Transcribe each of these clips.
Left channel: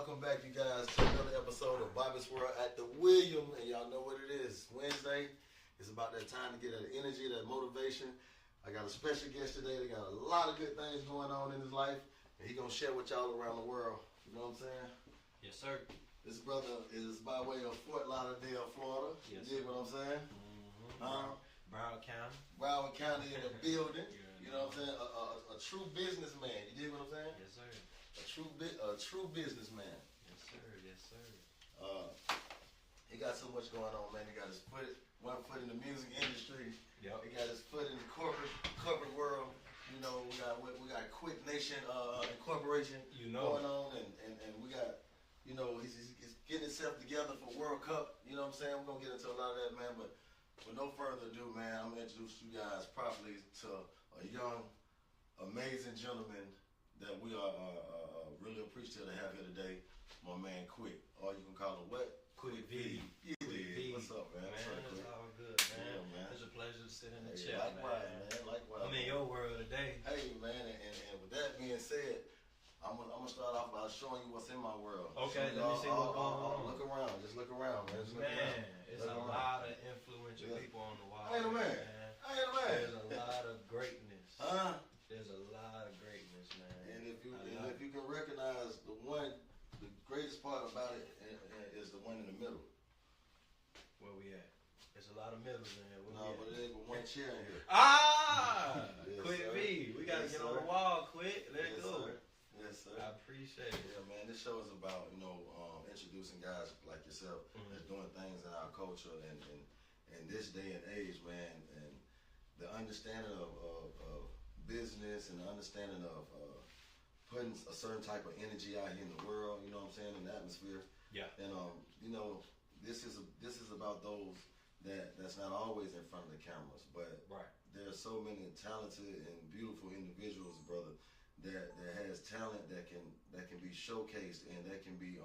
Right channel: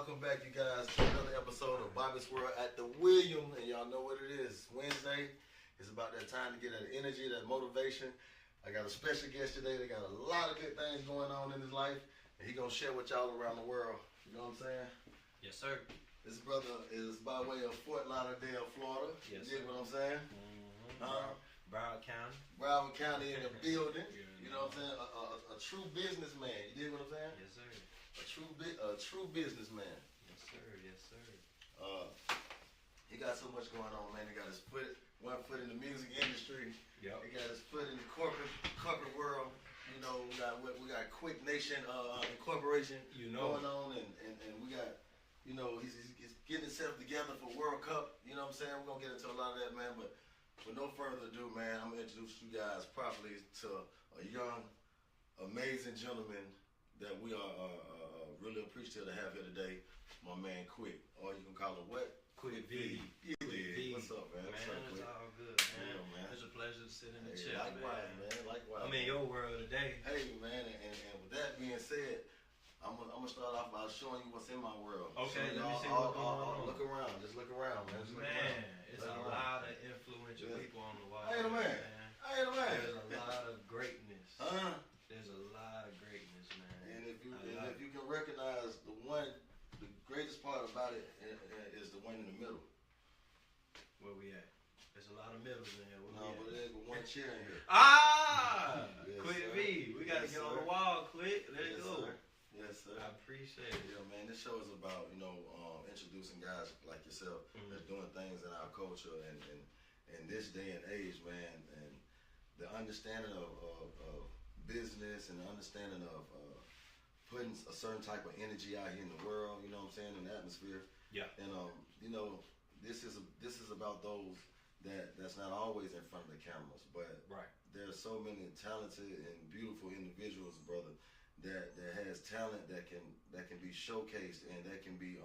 Welcome back, you guys, to another episode of Bobby's World at the William. And y'all know what it is. Wednesday. It's about that time to get that energy, that motivation. I got a special guest today. They got a lot of good things going on in his life. And he's going to share with y'all around the world. You know what I'm saying? Yes, sir. This brother is by way of Fort Lauderdale, Florida. Yes, you dig what I'm saying? Mm-hmm. Broward County. Broward County in the building. Yeah, you know what I'm saying? A true businessman. You dig what I'm saying? Yes, sir. A true businessman. Yes, sir. Yes, sir. He got so much going on, man. He got his one foot in the music industry. Yep. He got his foot in the corporate world. You know, we got Quick Nation Incorporation going on, and we got, you know, he's getting himself together for World Cup. You know what I'm saying? We're gonna get into a lot of that, man. But with no further ado, man, I'm gonna introduce you guys properly to a young, amazing gentleman that we are really appreciative to have here today. My man Quick, or you can call him what? Quick V. Yeah. V. What's up, man? What's up, It's Quick? all good, man. Yeah, man. It's a pleasure to sit in the Hey, chair, likewise, man. Likewise. I'm in your world today. Hey, man, and with that being said, I'm gonna start off by showing you what's in my world. Okay, let me see what's going on. Look around, just look around, man. Just look around. It's a lot of influential people on the wall. I ain't a man. There's a lot of greatness. Huh? There's a lot of greatness, man. And if you can recognize the greatest part about it is the one in the middle. Where we at? There's a lot of middles in here. No, but there ain't but one chair in here. Yes, Quick sir. V. We gotta get on the wall, quick. Let's go. Sir. Yes, sir. I appreciate it. Yeah, man. This show is about, you know, introducing guys like yourself that's doing things in our culture and in this day and age, man. And the understanding of business and the understanding of putting a certain type of energy out here in the world, you know what I'm saying, in the atmosphere. Yeah. And you know, this is about those that's not always in front of the cameras, but right. There's so many talented and beautiful individuals, brother, that has talent that can be showcased and that can be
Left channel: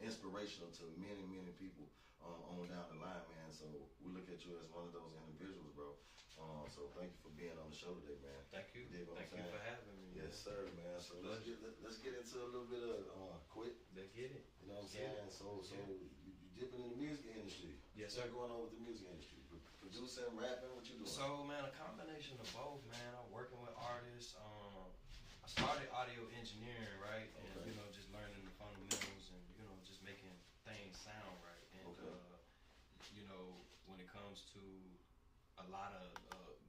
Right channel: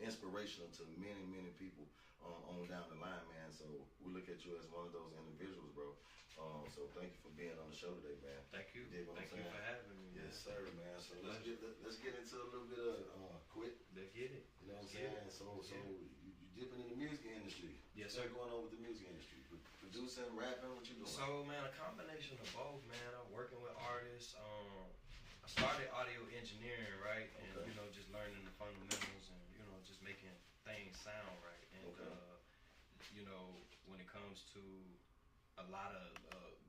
inspirational to many people on down the line, man. So we look at you as one of those individuals, bro. So thank you for being on the show today, man. Thank you. Thank you for having me. Yes, sir, man. So let's get into a little bit of Quick. Let's get it. You know what I'm saying? So you dipping in the music industry. Yes, sir. What's going on with the music industry? Producing, rapping, what you doing? So, man, a combination of both, man. I'm working with artists. I started audio engineering, right? And, you know, just learning the fundamentals and, you know, just making things sound right. And, you know, when it comes to a lot of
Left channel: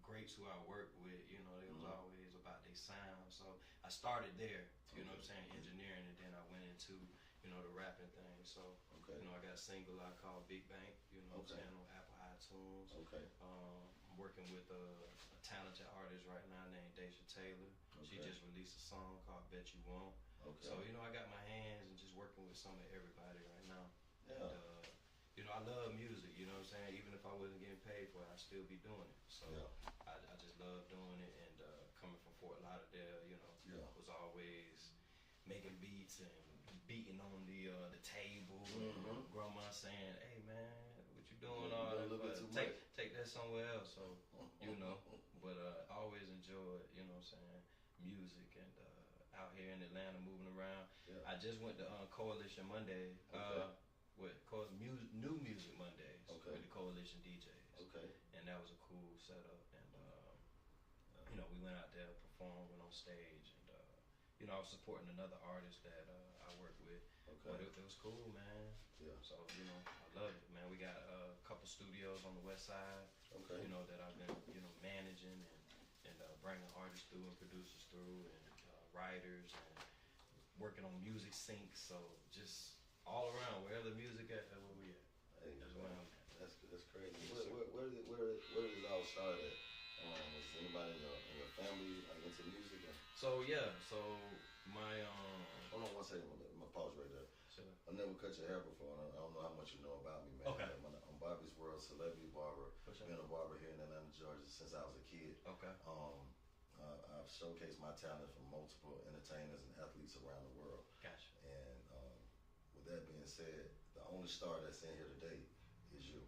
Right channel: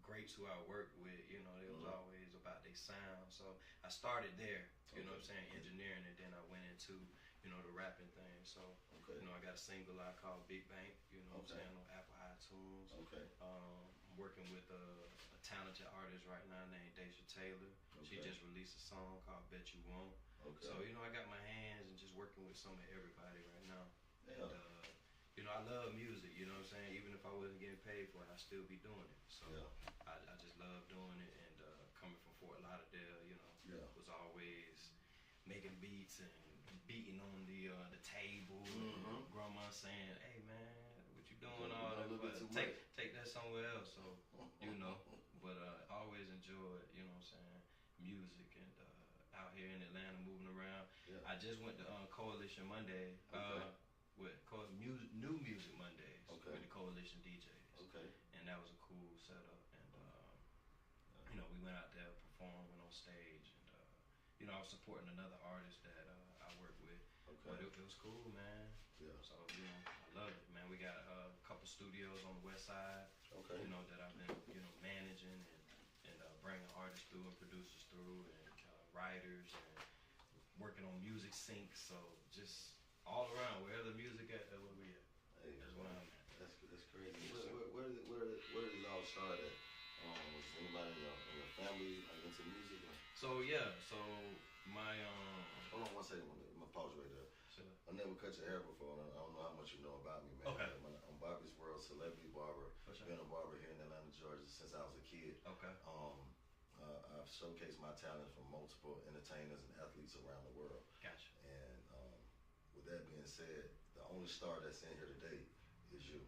greats who I work with, you know, it was always about their sound. So I started there, you know what I'm saying, engineering, and then I went into, you know, the rapping thing. So, you know, I got a single out called Big Bank, you know what I'm saying, on Apple iTunes. I'm working with a talented artist right now named Deja Taylor. She just released a song called Bet You Won't. So, you know, I got my hands and just working with some of everybody right now. And, you know, I love music, you know what I'm saying? Even if I wasn't getting paid for it, I'd still be doing it. So I just love doing it. And coming from Fort Lauderdale, you know, was always making beats and beating on the table. And grandma saying, hey, man, what you doing all that? Take that somewhere else. So, you know, but I always enjoyed, you know what I'm saying, music and out here in Atlanta moving around. I just went to Coalition Monday. New Music Mondays with the Coalition DJs. And that was a cool setup. And, you know, we went out there performing on stage. And, you know, I was supporting another artist that I work with. But it was cool, man. So, you know, I love it, man. We got a couple studios on the west side, you know, that I've been, you know, managing and bringing artists through and producers through and writers and working on music syncs. So just all around, wherever the music at, that's where we at. Hey, that's crazy. Yes, where did it all start at? Was anybody in your family into music? So my hold on one second. I'm gonna pause right there. Sure. I never cut your hair before, and I don't know how much you know about me, man. I'm Bobby's World celebrity barber. Been a barber here in Atlanta, Georgia since I was a kid. I've showcased my talents from multiple entertainers and athletes around the world. Gotcha. And with that being said, the only star that's in here today is you.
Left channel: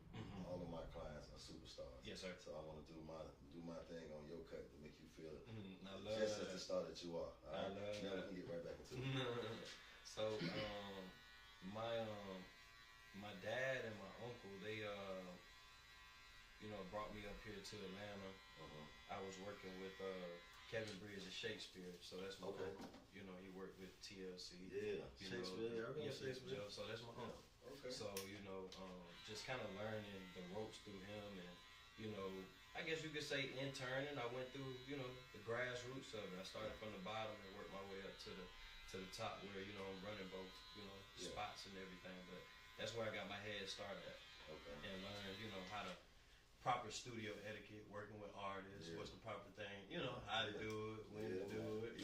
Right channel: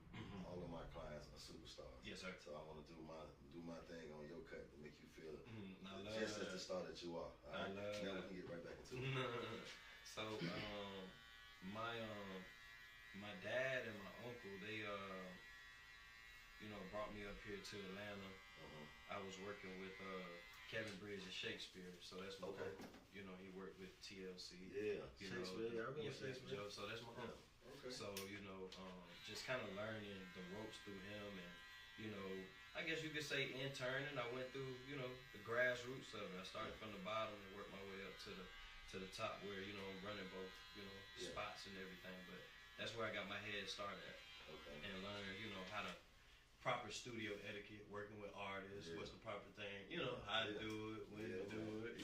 All of my clients are superstars. Yes, sir. So I want to do my thing on your cut to make you feel I love just as the star that you are. I love now we can get right back into it. So my dad and my uncle, they brought me up here to Atlanta. I was working with Kevin Bridges and Shakespeare, so that's my uncle. He worked with TLC. Yeah, Shakespeare. I remember Shakespeare. So that's my uncle. Okay. So just kind of learning the ropes through him, and I guess you could say interning. I went through the grassroots of it. I started from the bottom and worked my way up to the top, where I'm running both spots and everything. But that's where I got my head started at. Okay. And learned how to proper studio etiquette, working with artists, what's the proper thing, how to do it, when to do it,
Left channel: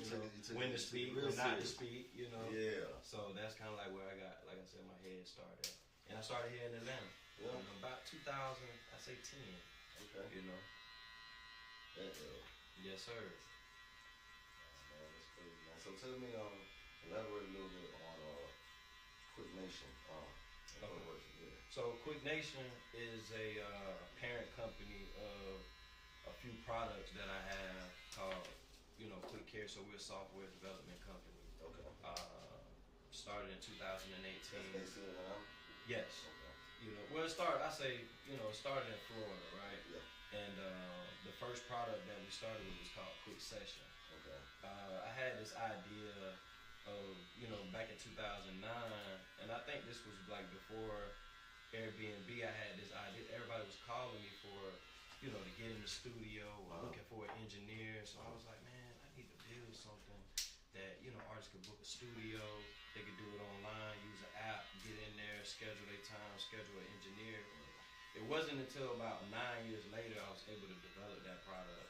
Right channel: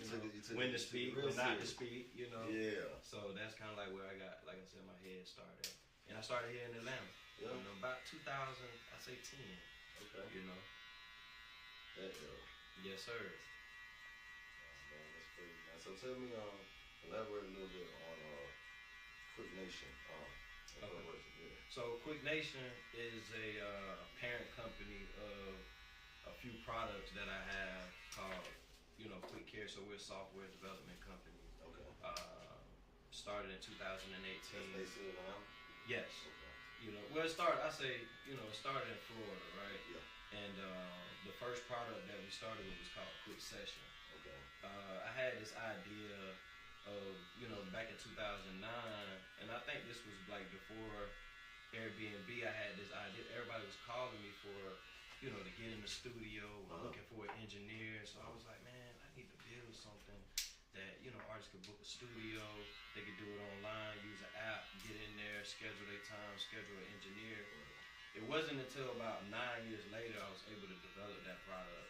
when to speak, when not to speak, Yeah. So that's kind of like where I got, like I said, my head started. And I started here in Atlanta. About 2000, I say 10. Okay. Yes, sir. Man, that's crazy, man. So tell me, elaborate a little bit on Quick Nation. So Quick Nation is a parent company of a few products that I have called, Quick Care. So we're a software development company. Okay. Started in 2018. Yes. Okay. Well, it started in Florida, right? Yeah. And the first product that we started with was called Quick Session. Okay. I had this idea of, back in 2009, and I think this was like before Airbnb. I had this idea. Everybody was calling me for, to get in the studio or looking for an engineer. So I was like, man, I need to build something that, artists could book a studio. They could do it online, use an app, get in there, schedule their time, schedule an engineer. It wasn't until about 9 years later I was able to develop that product.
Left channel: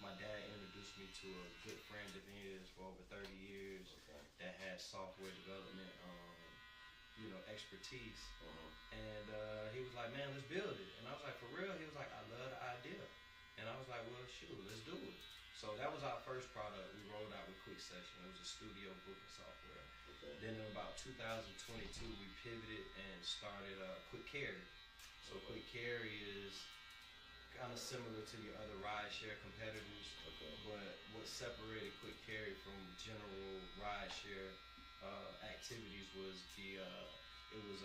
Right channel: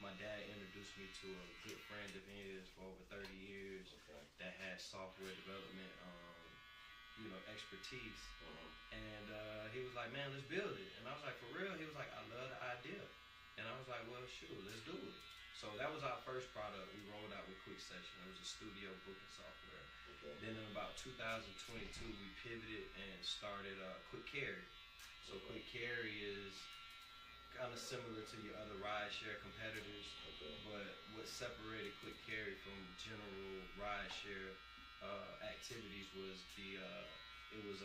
My dad introduced me to a good friend of his for over 30 years that had software development, expertise. And he was like, man, let's build it. And I was like, for real? He was like, I love the idea. And I was like, well, shoot, let's do it. So that was our first product we rolled out with Quick Session. It was a studio booking software. Okay. Then in about 2022, we pivoted and started Quick Carry. So Quick Carry is kind of similar to your other rideshare competitors, but what separated Quick Carry from general rideshare activities was it was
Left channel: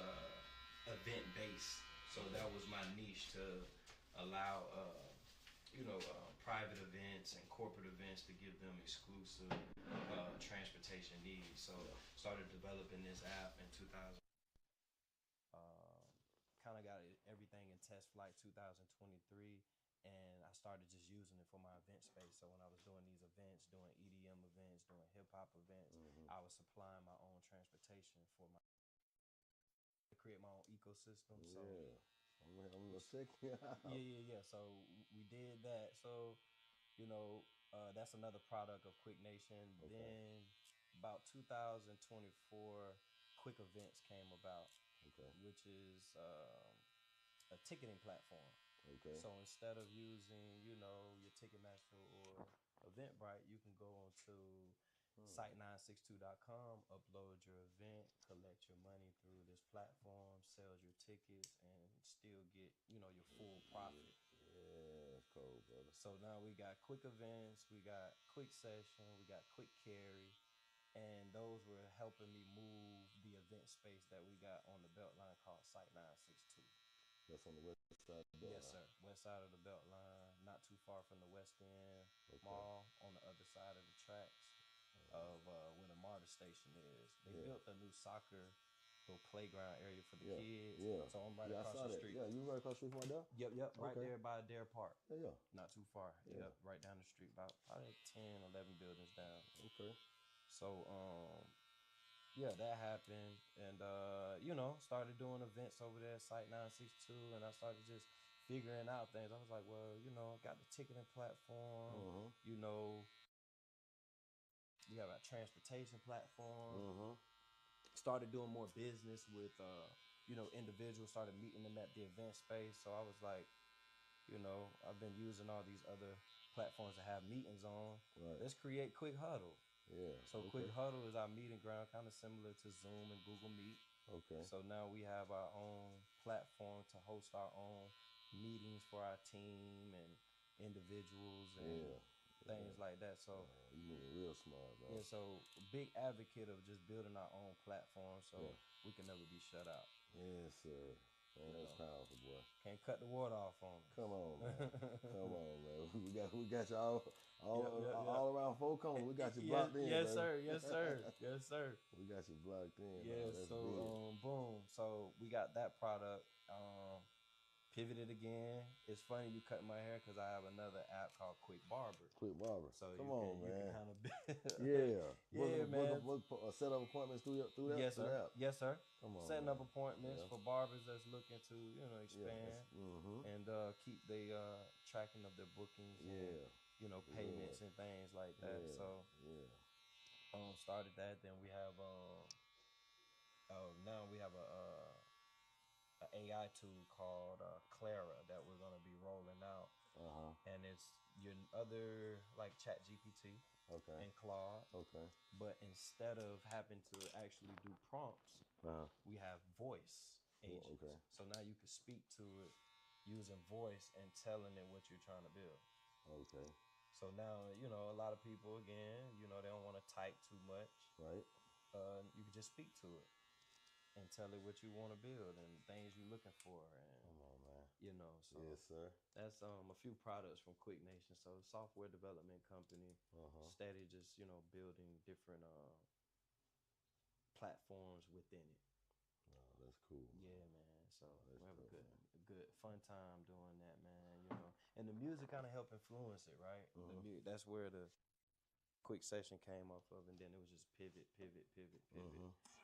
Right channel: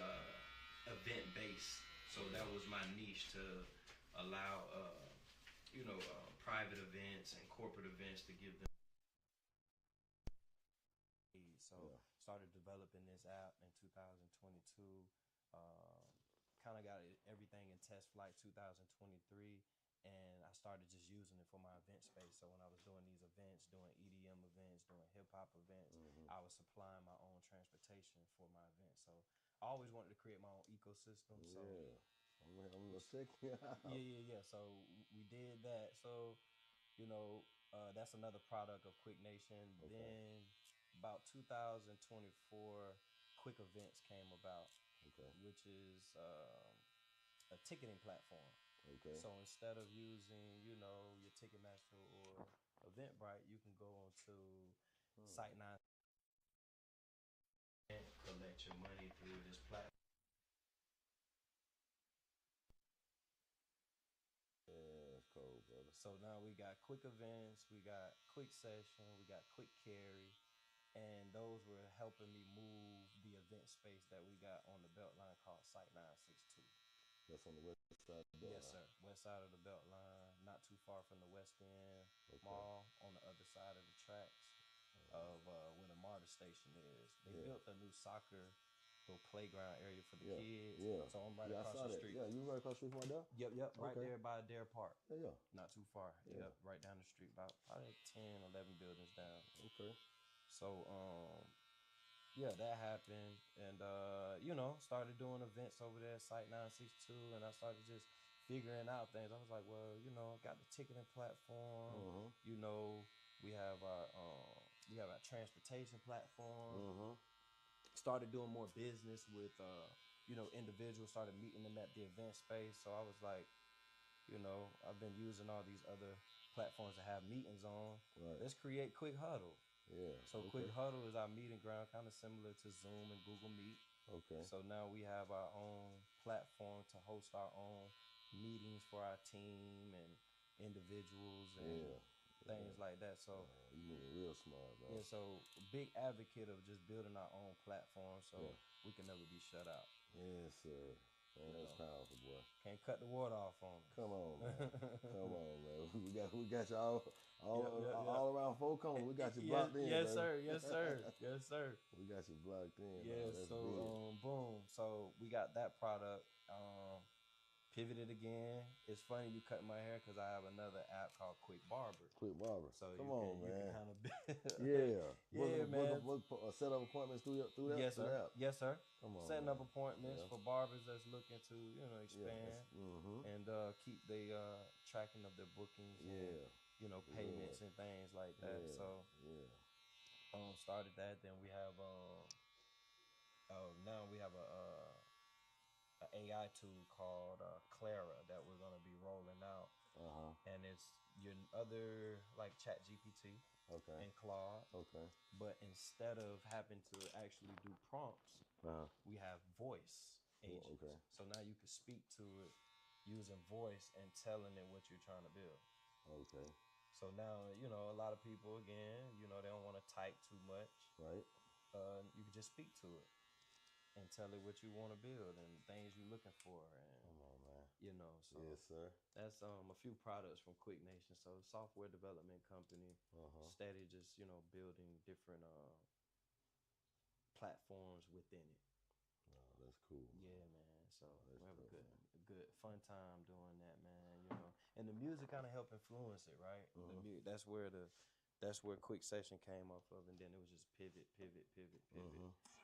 event based. So that was my niche, to allow private events and corporate events to give them exclusive transportation needs. So started developing this app in 2022. Kind of got everything in test flight 2023, and I started just using it for my event space. So when I was doing these events, doing EDM events, doing hip hop events, I was supplying my own transportation for my events. So I always wanted to create my own ecosystem. So I'm gonna check you out. Yeah. So we did that. So that's another product of Quick Nation. Then about 2024, Quick Events came about. Which is a ticketing platform. So instead of using, your Ticketmaster or Eventbrite, you can go onto site962.com, upload your event, collect your money through this platform, sell your tickets, and still get, your full profit. Yeah, that's cool, brother. So now we got Quick Events, we got Quick Session, we got Quick Carry. And those were helping me move the event space that we got on the Beltline called Site 962. That's on the west side of the Beltline? Yes, sir. West side of the Beltline, not too far from the West End Mall, on the other side of the tracks of where the MARTA station is. They built a new soccer little playground area for the kids. Yeah. So I'm right across the street. Yeah, you right across the street from my dad? Yep. Right there by Dare Park. Yeah. Not too far. Yeah. Yep, right down the street, about probably 10, 11 buildings down. Okay. So, that happened, and started doing events over there at Site 962, and I started just figuring out things. I was like, well, got the ticketing platform. We have our transportation platform. Started doing more business with individuals. Started meeting them at the event space. So I was like, I've been using all these other platforms to have meetings on. Right. Let's create Quick Huddle. Yeah. So Quick Huddle is our meeting ground, kind of similar to Zoom and Google Meet. Okay. So now we have our own platform to host our own meetings for our team and individuals. And things like that. So you moving real smart, bro. Yeah, so big advocate of just building our own platform so we can never be shut out. Yes, sir. Man, that's powerful, boy. Can't cut the water off on us. Come on, man. Come on, man. We got you all around four corners. We got you blocked in, yes, baby. sir. Yes, sir. Yes, sir. We got you blocked in. Yeah, so boom. So we got that product. Pivoted again. It's funny you cut my hair because I have another app called Quick Barber. Quick Barber. So Come on, man. You can kind of man. Set up appointments through that. Yes, sir. App. Yes, sir. Come on. Setting up appointments for barbers that's looking to expand and keep the tracking of their bookings. And, payments and things like that. So started that. Then we have now we have a AI tool called Clara that we're gonna be rolling out, and it's your other like ChatGPT and Claude. But instead of having to actually do prompts, we have voice agents. So now you can speak to it using voice and telling it what you're trying to build. So now a lot of people again, they don't want to type too much. Right. You can just speak to it and tell it what you want to build and things you're looking for. And, come on, man. So yes, sir. That's a few products from Quick Nation. So software development company, steady just, building different platforms within it. Oh, that's cool. Yeah, man. So we have a good fun time doing that, man. And the music kind of help influence it, right? That's where Quick Session came off of, and then it was just pivot,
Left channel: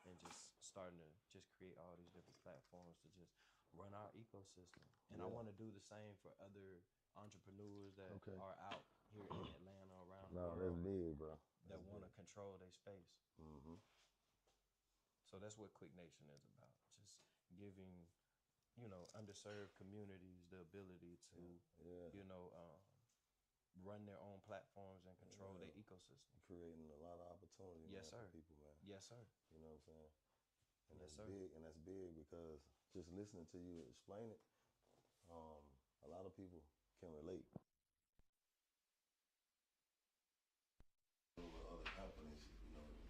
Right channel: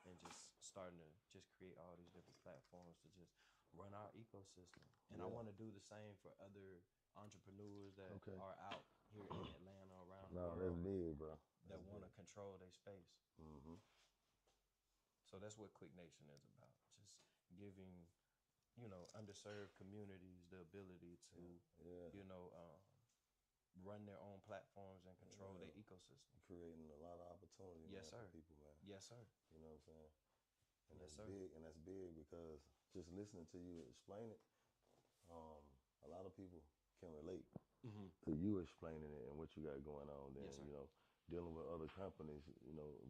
and just starting to just create all these different platforms to just run our ecosystem. And I want to do the same for other entrepreneurs that are out here in Atlanta, around the world. No, that's big, bro. That want to control their space. So that's what Quick Nation is about. Just giving, underserved communities the ability to, run their own platforms and control their ecosystem. Creating a lot of opportunity for people, man. Yes, sir. You know what I'm saying? And that's big, and that's big because just listening to you explain it, a lot of people can relate to you explaining it and what you got going on. Then dealing with other companies,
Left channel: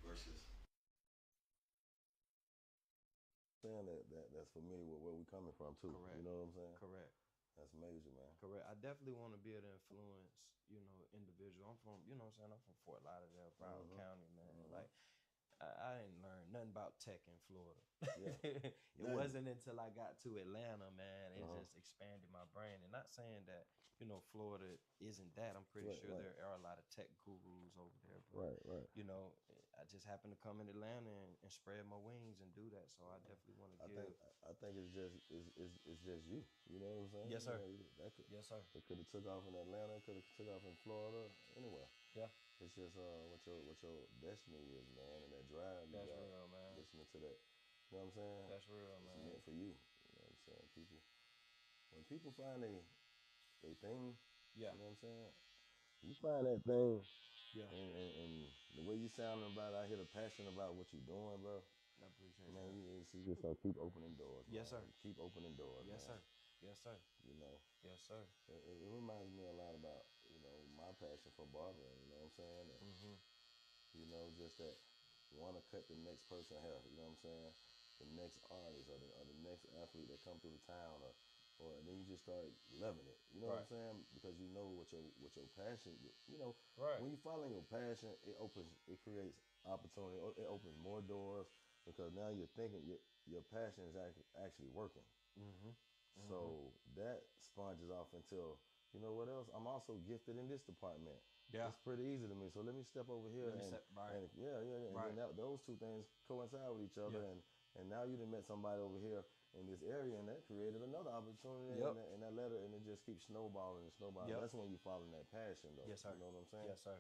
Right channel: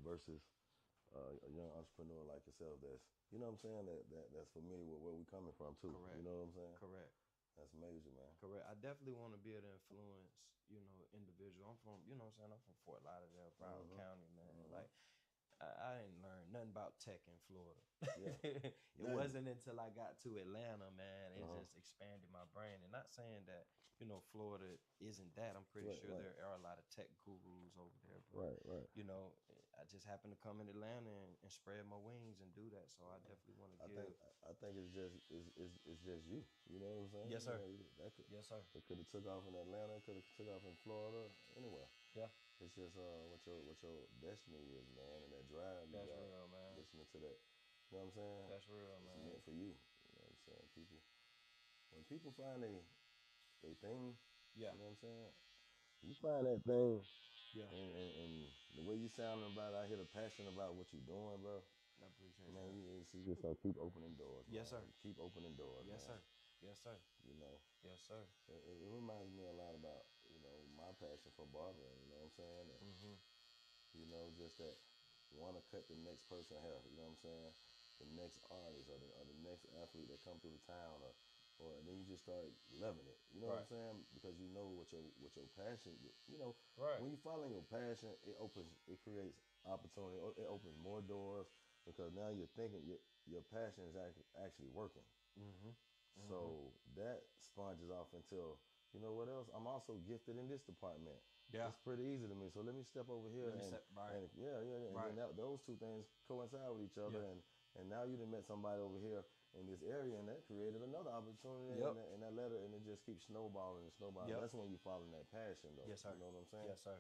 versus a young entrepreneur like yourself that's, what I'm saying, that's familiar with where we coming from too. Correct. You know what I'm saying? Correct. That's major, man. Correct. I definitely want to be able to influence, individual. I'm from, I'm from Fort Lauderdale, Broward County, man. Like, I didn't learn nothing about tech in Florida. It wasn't until I got to Atlanta, man, it just expanded my brain. And not saying that, Florida isn't that. I'm pretty sure there are a lot of tech gurus over there. But, I just happened to come in Atlanta and spread my wings and do that. So I definitely want to give. I think it's just you. You know what I'm saying? Yes, sir. Yes, sir. It could have took off in Atlanta. It could have took off in Florida. Anywhere. Yeah. It's just what your destiny is, man, and that drive. That's real, man. Listening to that, you know what I'm saying? That's real, man. It's meant for you. You know what I'm saying? When people find they thing, you know what I'm saying? You find that thing, and the way you sounding about it, I hear the passion about what you're doing, bro. I appreciate it. Man, you just keep opening doors. Yes, man. sir. Keep opening doors. Yes, man. sir. Yes, sir. Yes, sir. It reminds me a lot about, my passion for barbering, you know what I'm saying? And, just that want to cut the next person hair, you know what I'm saying? The next artist or the next athlete that come through the town or and then you just start loving it, you know what I'm saying? Because you know what your passion, when you follow your passion, it creates opportunity, it opens more doors because now you're thinking your passion is actually working. So that sponges off until, you know what else? I'm also gifted in this department. Yeah. It's pretty easy to me. So let me step over here and then those two things coincide with each other. And now you done met somebody over here in this area and that created another opportunity and that letter and it just keeps snowballing and snowballing. That's when you follow that passion though. Yes, sir. You know what I'm saying? Yes, sir.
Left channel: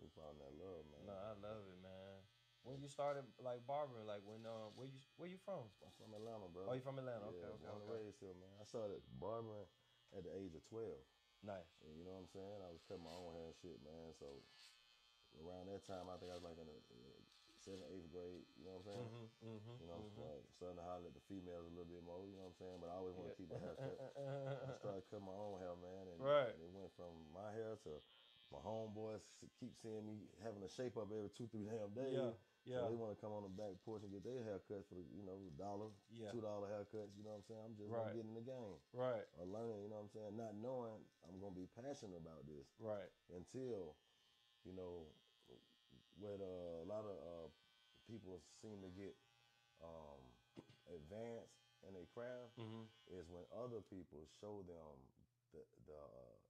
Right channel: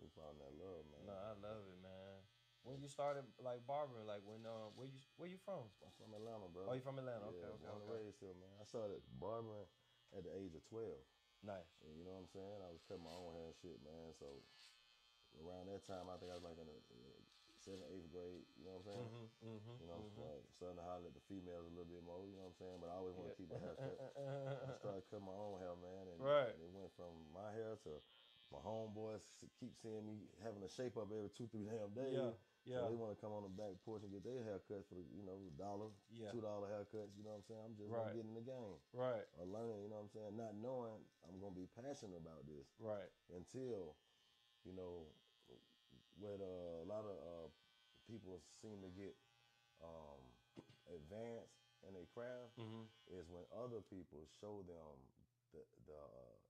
You follow that love, man. No, I love it, man. When you started like barbering, like when where you from? I'm from Atlanta, bro. Oh, you from Atlanta? Yeah, Okay. Born and raised here, man. I started barbering at the age of 12. Nice. And you know what I'm saying? I was cutting my own hair and shit, man. So around that time, I think I was like in the 7th, 8th grade. You know what I'm saying? Starting to holler at the females a little bit more. You know what I'm saying? But I always want to keep my hair cut. I started cutting my own hair, man. And it went from my hair to My homeboys keep seeing me having a shape up every 2-3 damn days. Yeah, yeah. So they want to come on the back porch and get their haircuts for, $1, $2 haircuts. You know what I'm saying? I'm just gonna get in the game. Right. Or learning, you know what I'm saying? Not knowing I'm gonna be passionate about this. Right. Until, what a lot of people seem to get advanced in their craft is when other people show them the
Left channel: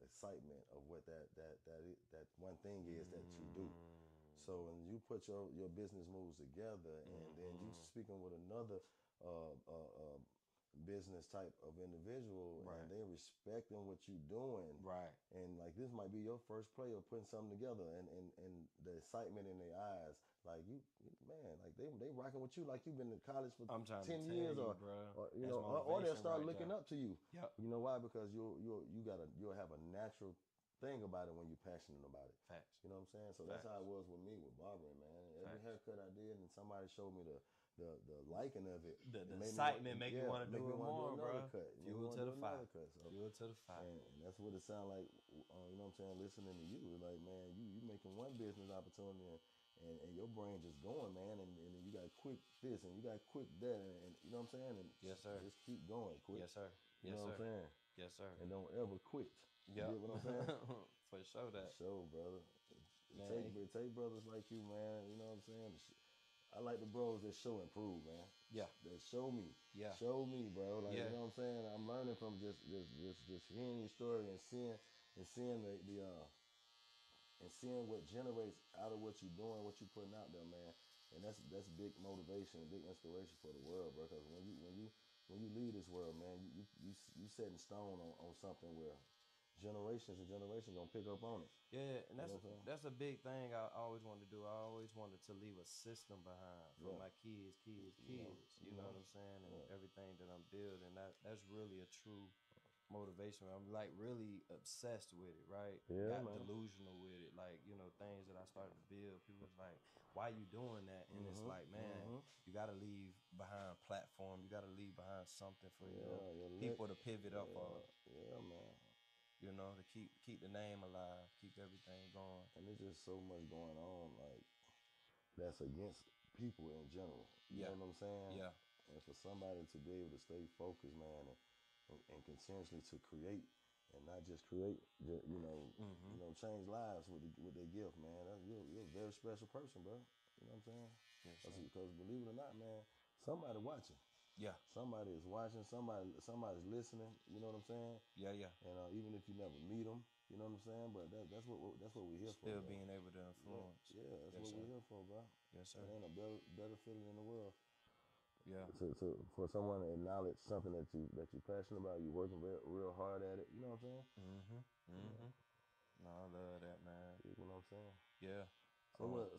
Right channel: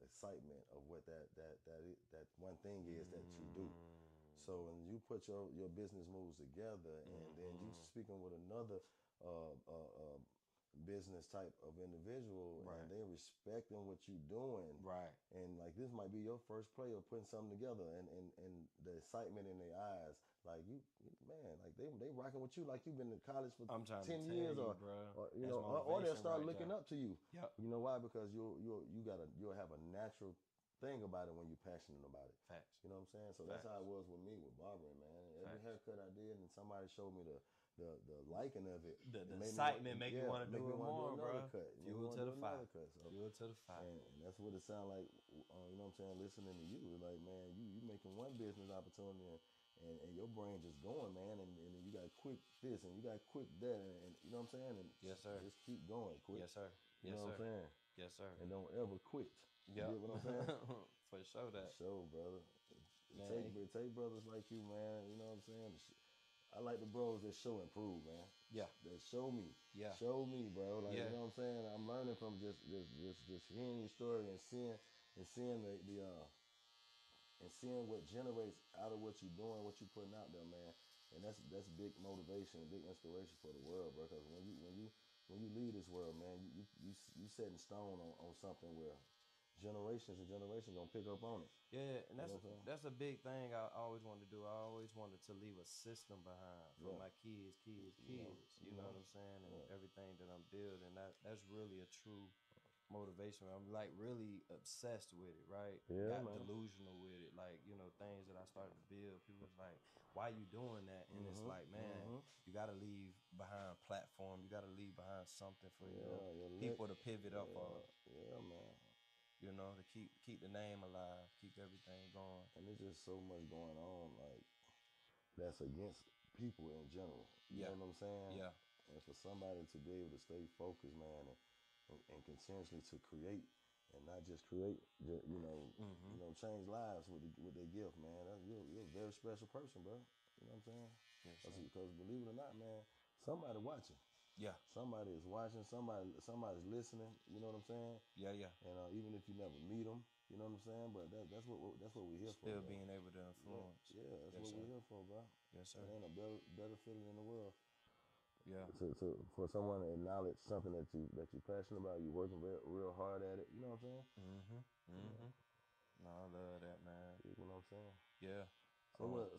excitement of what that one thing is that you do. So when you put your business moves together, and then you speaking with another business type of individual, and they respecting what you doing, and like this might be your first play of putting something together, and the excitement in their eyes, like you man, like they rocking with you like you've been in college for 10 years, or they'll start looking up to you. Yep. You know why? Because you'll have a natural thing about it when you're passionate about it. Facts. You know what I'm saying? So that's how it was with me with barbering, man. Every haircut I did, and somebody showed me the liking of it. The excitement make you want to do it more, bro. Fuel to the fire. Fuel to the fire. And that's what it sounds like, you know what I'm saying, listening to you. It's like, man, you making one business opportunity, and your brain just going, man, and you got quick this, and you got quick that, and you know what I'm saying? And yes, sir. Just keep going, quick. Yes, sir. You know what I'm saying? Yes, sir. And don't ever quit. Yeah. You get what I'm saying? For sure that. For sure, brother. Take brothers like you, man. You know what I'm saying? I like the bros that show and prove, man. Yeah. That show me. Yeah. Show me, bro. Like, you know what I'm saying? I'm learning from just hearing your story and seeing and seeing what generates out of what you're doing, what you're putting out there, man. And that's big motivation, big inspiration for the world, bro. Because when you leave this world, man, you set in stone on something where generations and generations gonna pick up on it. Yeah, and that's a big thing I always wanted to do. I always wanted to leave a system behind for my kids. You know what I'm saying? And everything that I'm building. That's really a true motivation. I'm like really obsessed with it, right? Yeah, Got delusional with it. Like, things that I started to build. People was like, why you doing that? And it's like, man, you gotta leave behind a platform. You gotta leave behind something for people to pivot up on. Yeah, man. To keep the name alive, keep everything going. And there's just so much going on, like, that's against people in general. You know what I'm saying? Yeah. And for somebody to be able to stay focused, man, and continuously to create, and not just create, change lives with their gift, man. You're a very special person, bro. You know what I'm saying? Yes, because believe it or not, man, somebody watching. Yeah. Somebody is watching. Somebody's listening. You know what I'm saying? Yeah. And even if you never meet them, you know what I'm saying. But that's what we're here for. Still being able to influence. Yeah, that's what we're here for, bro. Yes, sir. There ain't a better feeling in the world. Yeah. So for someone to acknowledge something that you're passionate about, you're working real hard at it. You know what I'm saying? Yeah. No, I love that, man. You know what I'm saying? Yeah. So what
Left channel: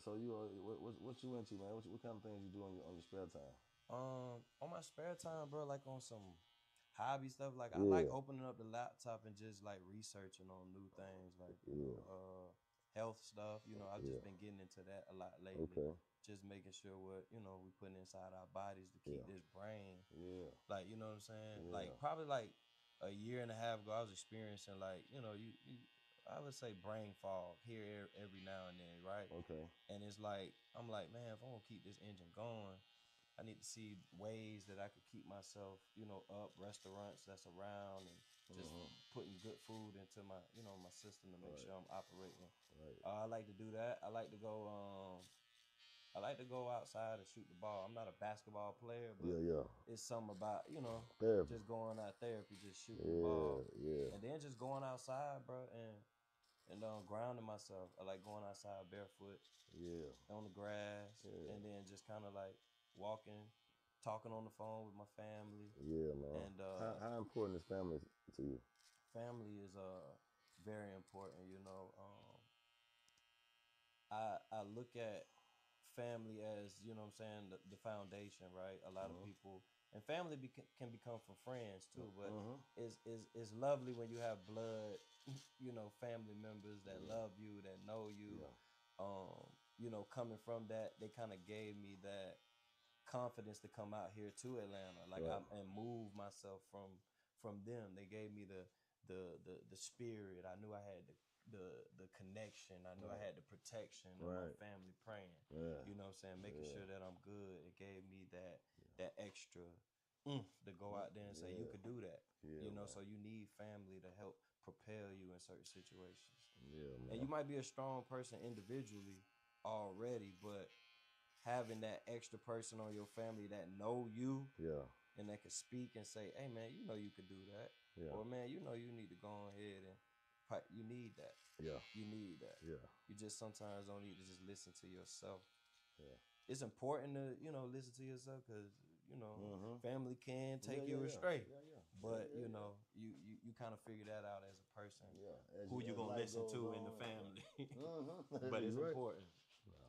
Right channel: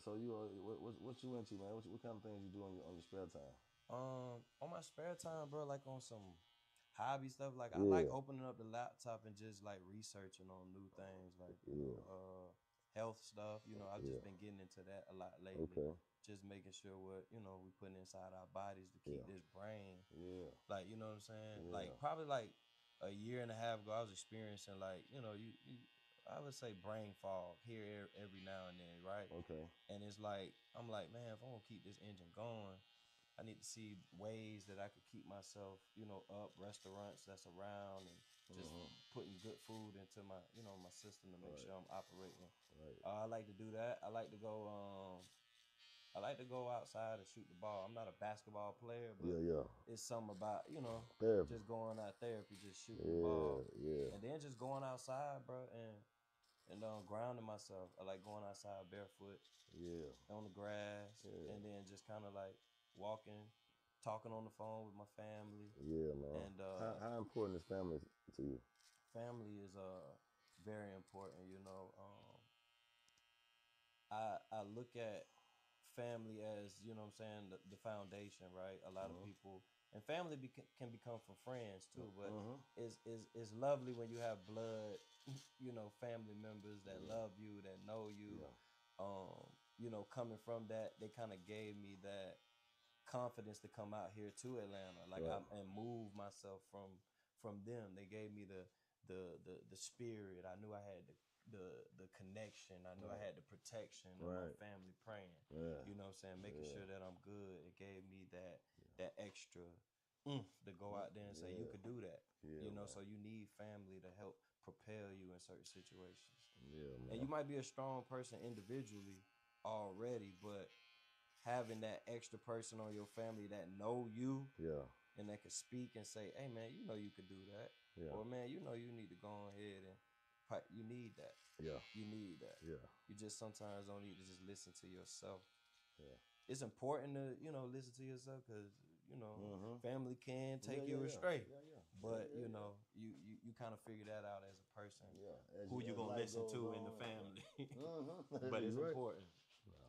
you into, man? What kind of things you do on your spare time? On my spare time, bro, like on some hobby stuff, like I like opening up the laptop and just like researching on new things, like health stuff. I've just been getting into that a lot lately. Okay. Just making sure what we putting inside our bodies to keep this brain. Yeah. Like, you know what I'm saying? Yeah. Like probably like a year and a half ago, I was experiencing like I would say brain fog here every now and then, right? Okay. And it's like I'm like, man, if I'm gonna keep this engine going, I need to see ways that I could keep myself, up, restaurants that's around, and just putting good food into my, my system to make sure I'm operating. Right. I like to do that. I like to go outside and shoot the ball. I'm not a basketball player, but it's something about, therapy. Just going out therapy, just shooting the ball. Yeah. And then just going outside, bro, and grounding myself. I like going outside barefoot. Yeah. On the grass. Yeah. And then just kind of like walking, talking on the phone with my family. Yeah, man. And how important is family to you? Family is very important, I look at family as, what I'm saying, the foundation, right? A lot of people, and family can become from friends too, but it's lovely when you have blood, family members that love you, that know you. Coming from that, they kind of gave me that confidence to come out here to Atlanta, and move myself from them. They gave me the spirit. I knew I had the connection. I knew I had the protection of my family praying. Yeah. You know what I'm saying? Making sure that I'm good. It gave me that extra to go out there and say you could do that. Yeah, you know, man. so you need family to help propel you in certain situations. Yeah, man. And you might be a strong person individually already, but having that extra person on your family that know you and that can speak and say, hey man, you know you could do that. Yeah. Or man, you know you need to go ahead and you need that. Yeah. You need that. Yeah. You just sometimes don't need to just listen to yourself. Yeah. It's important to, you know, listen to yourself because, you know, family can take you astray. But, you know, you kind of figure that out as a person. Yeah. Who you going to listen to in the family. But it's important.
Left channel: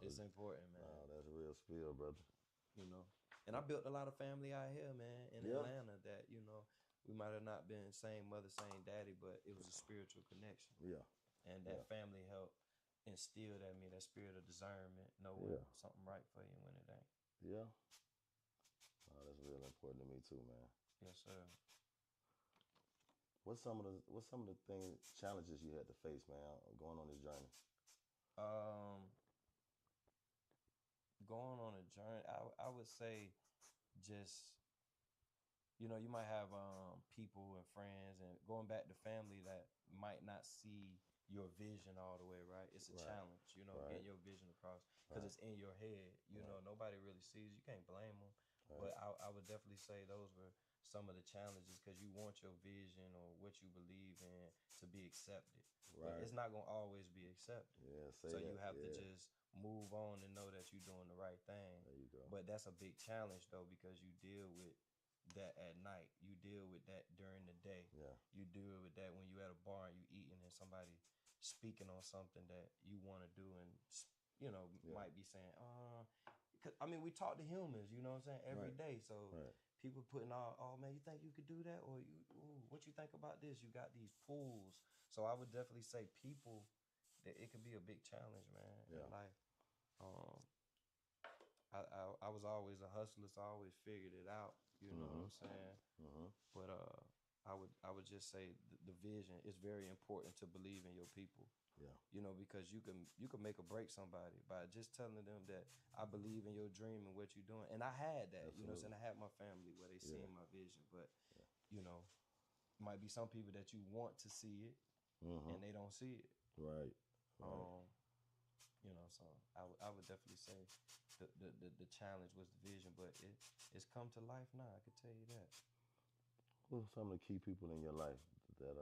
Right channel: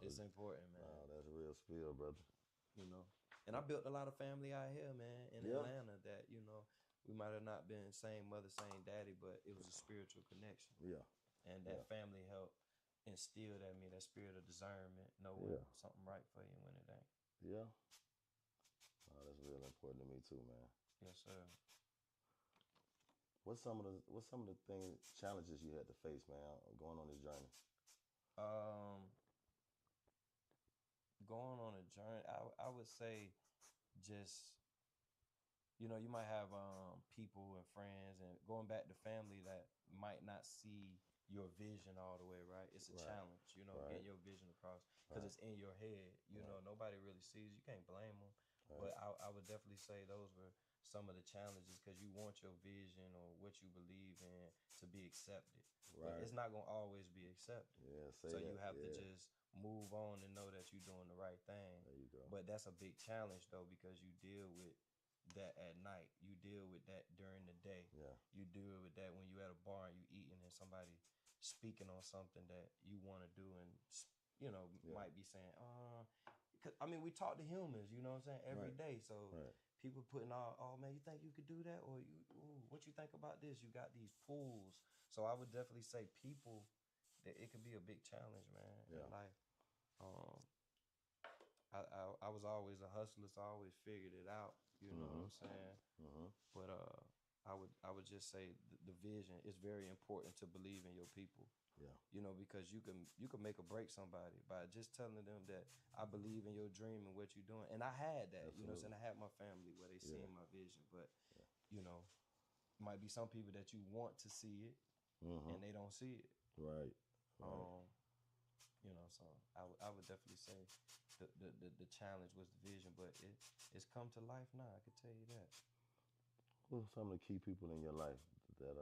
It's important, man. Wow, that's a real spill, brother. You know, and I built a lot of family out here, man, in Atlanta that, you know, we might have not been same mother, same daddy, but it was a spiritual connection. Yeah. And that family helped instill that me, that spirit of discernment, knowing something right for you when it ain't. Yeah. Oh, that's really important to me too, man. Yes, sir. What's some of the things, challenges you had to face, man, going on this journey? Going on a journey, I would say just, you know, you might have people and friends and going back to family that might not see your vision all the way, right? It's a challenge, you know, getting your vision across because it's in your head. You know, nobody really sees. You can't blame them. But I would definitely say those were some of the challenges because you want your vision or what you believe in to be accepted. But it's not going to always be accepted. So you have to just move on and know that you're doing the right thing. There you go. But that's a big challenge, though, because you deal with that at night. You deal with that during the day. You deal with that when you at a bar and you eating and somebody speaking on something that you want to do and, you know, might be saying, I mean, we talk to humans, you know what I'm saying, every day. So people putting all, oh man, you think you could do that? Or what you think about this? You got these fools. So I would definitely say people, that it could be a big challenge, man, in life. I was always a hustler, so I always figured it out. You know what I'm saying? But I would just say the vision is very important to believe in your people. You know, because you can make or break somebody by just telling them that I believe in your dream and what you're doing. And I had that. You know what I'm saying? I had my family where they seen my vision, but you know, might be some people that you want to see it and they don't see it. Right. You know, so I would definitely say the challenge was the vision, but it's come to life now. I could tell you that. Who are some of the key people in your life that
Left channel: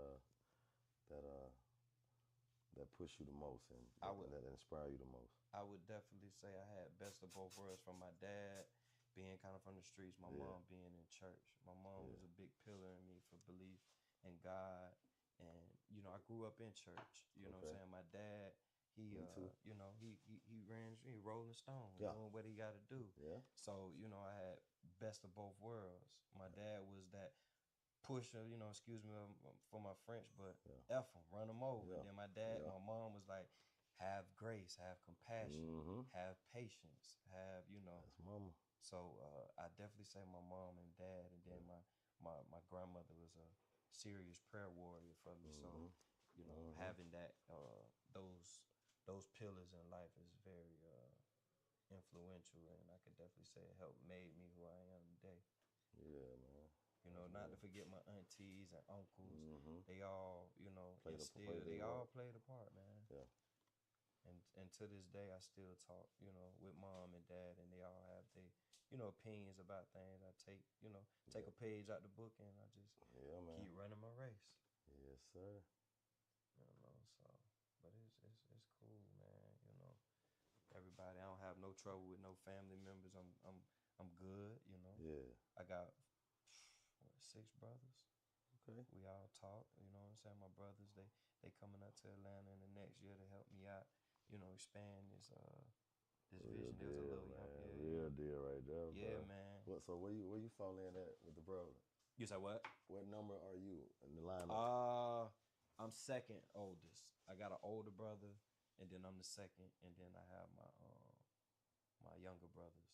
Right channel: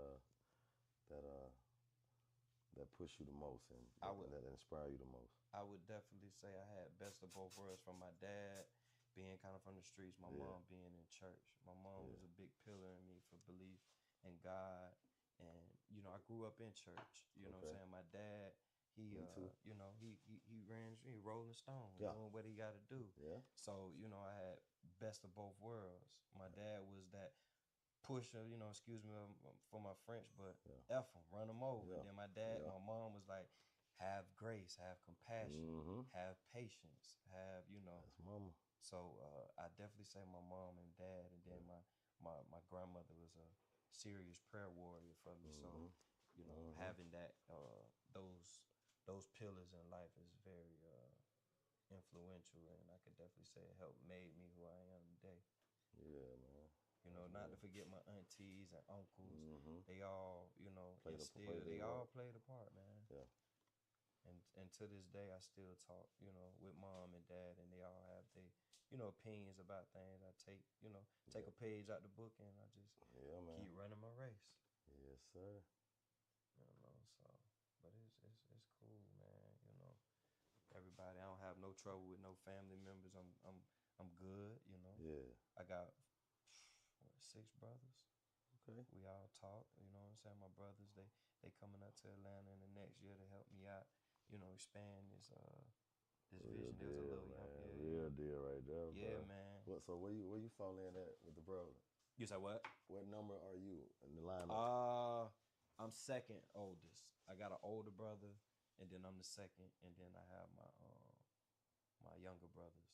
push you the most and that inspire you the most? I would definitely say I had best of both worlds from my dad being kind of from the streets, my mom being in church. My mom was a big pillar in me for belief in God, and you know I grew up in church. You know what I'm saying? My dad. You know, he ran Rolling Stone, doing what he got to do. So, you know, I had best of both worlds. My dad was that pusher, you know, excuse me for my French, but F him, run him over. And then my mom was like, have grace, have compassion, have patience, have, you know. That's mama. So I definitely say my mom and dad, and then my grandmother was a serious prayer warrior for me. So, you know, having that, those pillars in life is very influential, and I could definitely say it helped made me who I am today. Yeah, man. You know, not to forget my aunties and uncles. They all, you know, they all played a part, man. Yeah. And to this day, I still talk, you know, with mom and dad, and they all have their, you know, opinions about things. I take, you know, take a page out the book, and I just keep running my race. Yes, sir. You know, so, but it's cool, man. You know, everybody. I don't have no trouble with no family members. I'm good. You know. Yeah. I got 6 brothers. Okay. We all talk. You know what I'm saying? My brothers, they coming up to Atlanta in the next year to help me out. You know, expand this vision. There was a little real deal right there. Yeah, bro. man. So where you fall in at with the brother? You say what? What number are you in the lineup? I'm second oldest. I got an older brother, and then I'm the second, and then I have my younger brothers.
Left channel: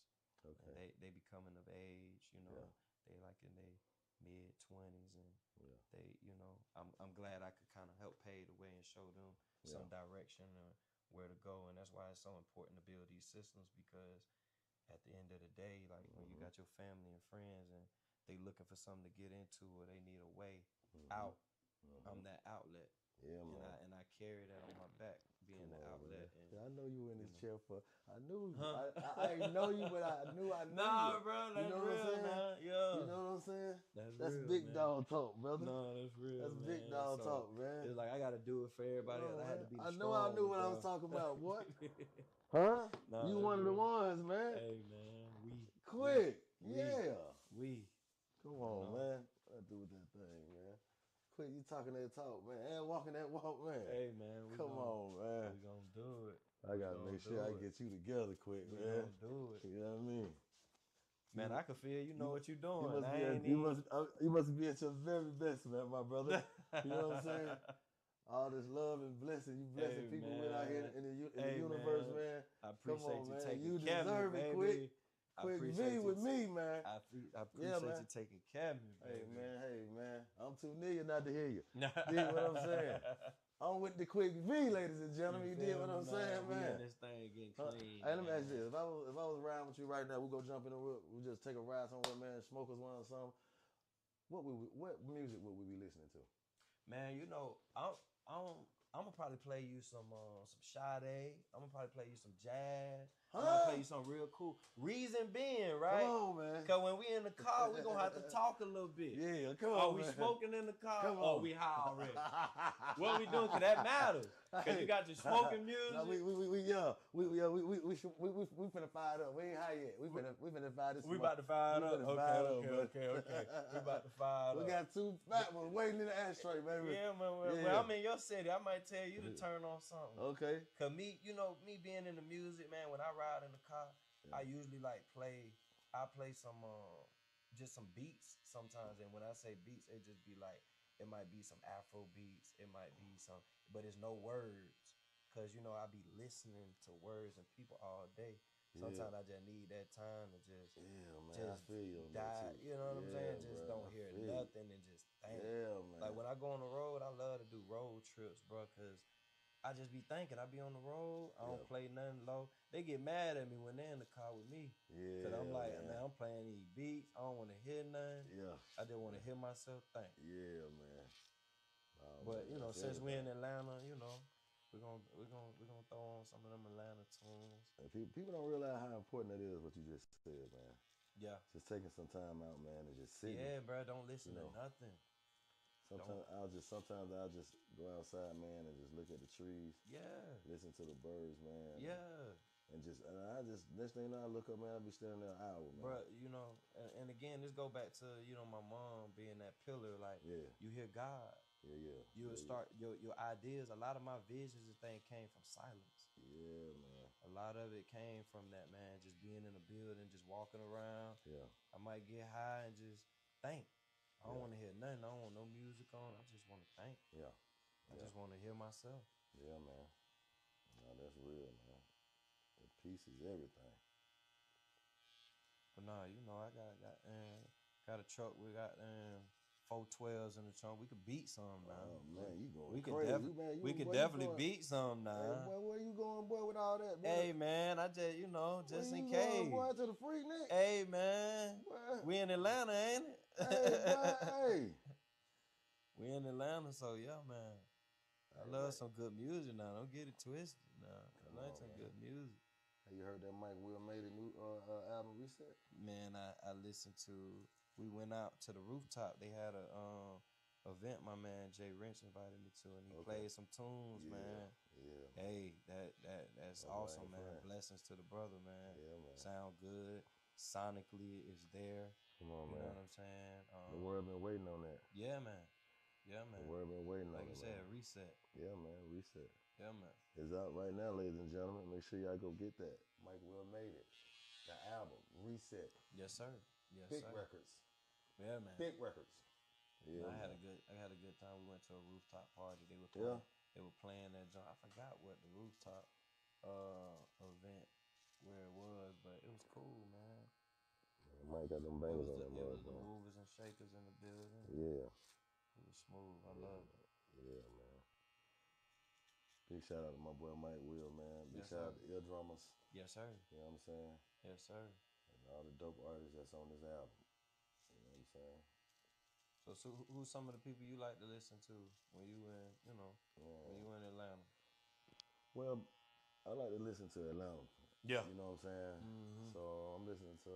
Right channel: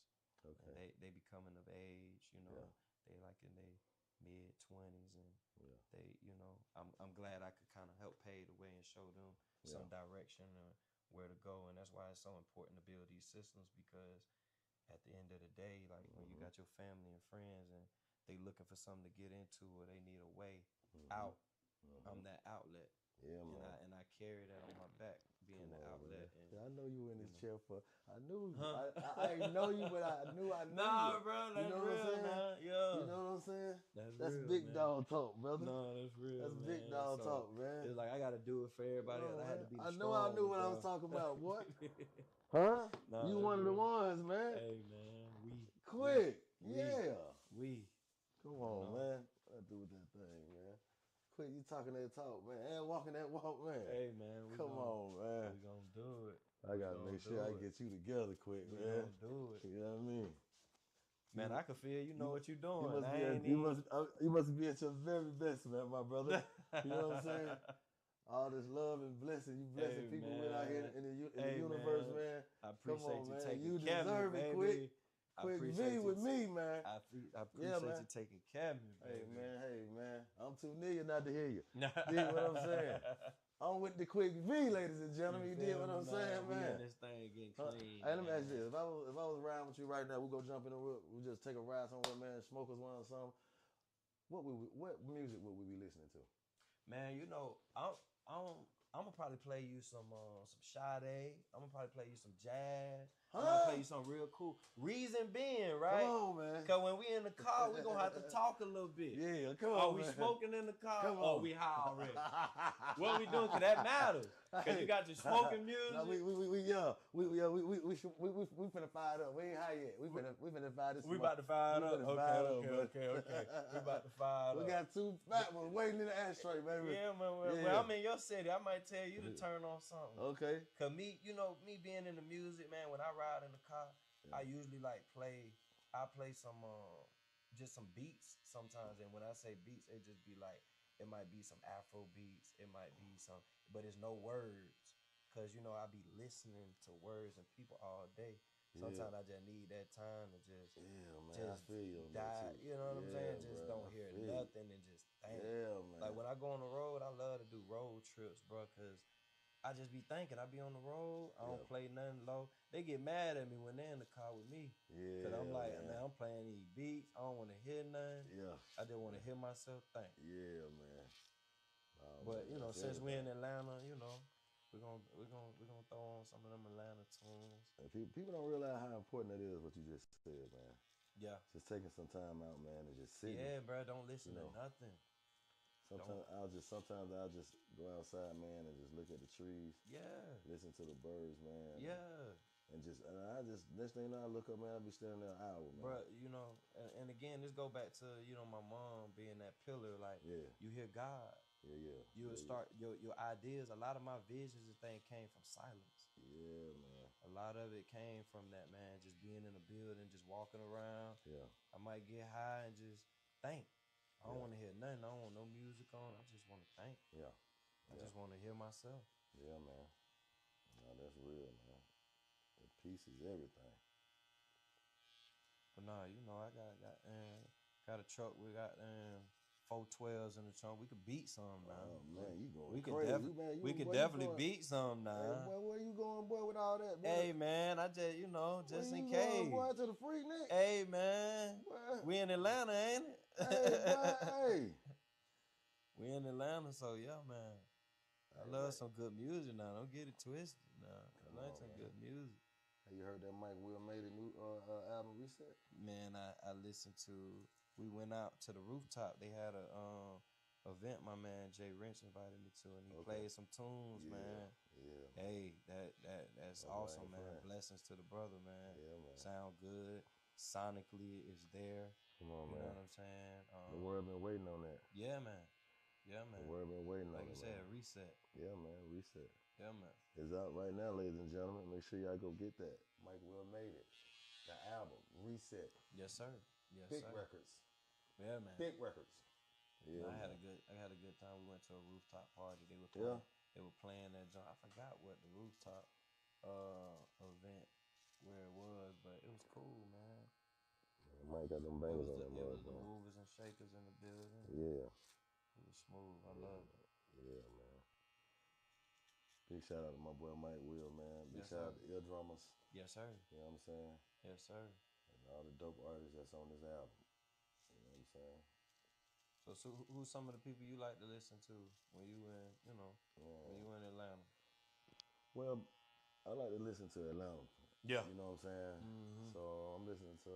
Okay. And they be coming of age, you know. They like in mid-20s, and they, you know, I'm glad I could kind of help pave the way and show them some direction or where to go. And that's why it's so important to build these systems, because at the end of the day, like when you got your family and friends and they looking for something to get into or they need a way out, I'm that outlet. Yeah, man. And I carry that on my back, being the outlet. And, I know you were in this chair for. I knew. I didn't know you, but I knew. Nah, you. bro, that's you know real, what I'm saying? man. Yeah. You know what I'm saying? That's real, big man. dog talk, brother. No, that's real. That's man. big dog talk, man. It's like I gotta do it for everybody else. I had to be the I strong knew what bro. I was talking about, boy. Huh? Nah, you one of the ones, man. Hey, man, Quick, we. Come on, man. I do with that thing, man. Quick, you talking that talk, man, and walking that walk, man. Hey, man, come on, man. We gonna do it. I gotta make sure I get you together quick, man. We gonna do it. You know what I mean? Man, I can feel you know what you're doing. You must be at your very best, man, my brother. You know what I'm saying? All this love and blessing, you blessing people with out here in the universe, man. I appreciate you taking you care of me, deserve it, baby. Quick V with me, man. I appreciate you taking care of me, baby. Hey, man. I'm too near not to hear you. You know what I'm saying? I'm with the Quick V, ladies and gentlemen. You did what I'm saying, man? This thing getting clean. Hey, let me ask you this. If I was riding with you right now, we go jump in the whip, we just take a ride somewhere, man, smoke us one or something. What music would we be listening to? Man, you know, I'm gonna probably play you some Sade. I'm gonna probably play you some jazz. I'm gonna play you something real cool. Reason being, right? Come on, man. Cause when we in the car, we gonna have to talk a little bit. Yeah, come on, Are we man. smoking in the car? Come or on. we high already? What we doing? Cause that matters. Cause you got your smoking music. No, we finna fire it up. We ain't high yet. We finna fire this. We about to fire it up. Okay. We about to fire it up. We got two fat ones waiting in the ashtray, baby. Yeah, man. Well, I'm in your city. I might tell you to turn on something. Okay. Cause me, you know, me being in the music, man, when I ride in the car, I usually I play some just some beats sometimes. And when I say beats, it just be like, it might be some Afro beats, it might be some, but it's no words. Cause you know, I be listening to words and people all day. Sometimes I just need that time to just, I feel you on die. that too. You know what I'm saying? Just bro, don't hear nothing and just think. Yeah, man. Like when I go on the road, I love to do road trips, bro, cause I just be thinking. I be on the road. I don't play nothing low. They get mad at me when they're in the car with me. Yeah. Cause I'm like, man, I'm playing these beats. I don't want to hear nothing. Yeah. I just want to hear myself think. Yeah, man. Oh, but man, you know, since we're in Atlanta, you know, we're gonna throw on some of them Atlanta tunes. And people don't realize how important that is. What you just said, man. Yeah. Just taking some time out, man, and just sitting. Yeah, bro. Don't listen to nothing. Sometimes I'll just go outside, man, and just look at the trees. Yeah. Listen to the birds, man. Yeah. And I just next thing you know, I look up, man, I'll be standing there an hour, man. Bro, you know, and again, this go back to, you know, my mom being that pillar. Like, you hear God. Yeah. You would start your ideas. A lot of my visions and things came from silence. Yeah, man. A lot of it came from that, man. Just being in a building, just walking around. Yeah. I might get high and just think. I don't want to hear nothing. I don't want no music on. I just want to think. Yeah. I just want to hear myself. Yeah, man. No, that's real, man. The peace is everything. But nah, you know, I got a truck. We got 412s in the trunk. We could beat some now. Oh man, you going crazy, we could definitely beat some now. Hey, boy, where you going, boy, with all that, boy? Hey man, I just, you know, just in case. Going, boy, to the Freaknik? Hey man, we in Atlanta, ain't it? Hey, boy, hey. We in Atlanta, so yeah, man. I love some good music now. Don't get it twisted now. I like some good music. Have you heard that Mike Will made a new album Reset? Man, I listened to. We went out to the rooftop. They had a event. My man Jay Wrench invited me to, and he played some tunes, man. Yeah. Hey, that's awesome, man. Friend. Blessings to the brother, man. Yeah, man. Sound good. Sonically, it's there. Come on, you man. know what I'm saying? The world been waiting on that. Yeah, man. Yeah, man. The world been waiting on it. Like you said, Reset. Yeah, man. Reset. Yeah, man. It's out right now, ladies and gentlemen. Make sure y'all go get that. Mike Will made it. The album Reset. Yes, sir. Yes, Big sir. records. Yeah, man. Big records. Yeah, I had a good time. We went to a rooftop party. They were playing that joint. I forgot what the rooftop event where it was, but it was cool, man. Mike Mike got them bangers on that It was the man. movers and shakers in the building. Yeah. It was smooth. I loved it. Yeah, man. Big shout out to my boy Mike Will, man. Big Yes, shout sir. out to Ear Drummers. Yes, sir. You know what I'm saying? Yes, sir. And all the dope artists that's on this album. You know what I'm saying? So who's some of the people you like to listen to when you in, when you in Atlanta? Well, I like to listen to Atlanta. Yeah. You know what I'm saying? Mm-hmm. So I'm listening to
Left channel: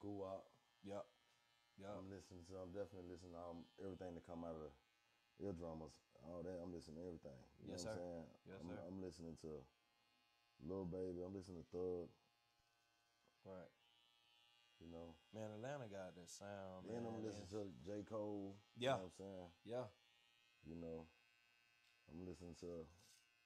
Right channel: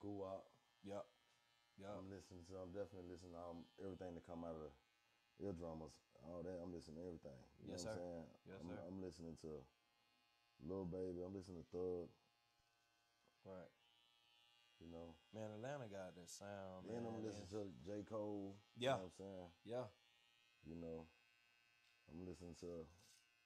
Guwap. Yep. I'm definitely listening to everything that come out of the Ear Drummers. All that, I'm listening to everything. You Yes, know what sir. I'm saying? Yes, sir. I'm listening to Lil Baby. I'm listening to Thug. Right. You know. Man, Atlanta got that sound, Then man. I'm listening to J. Cole. Yeah. You know what I'm saying? Yeah. You know. I'm listening to,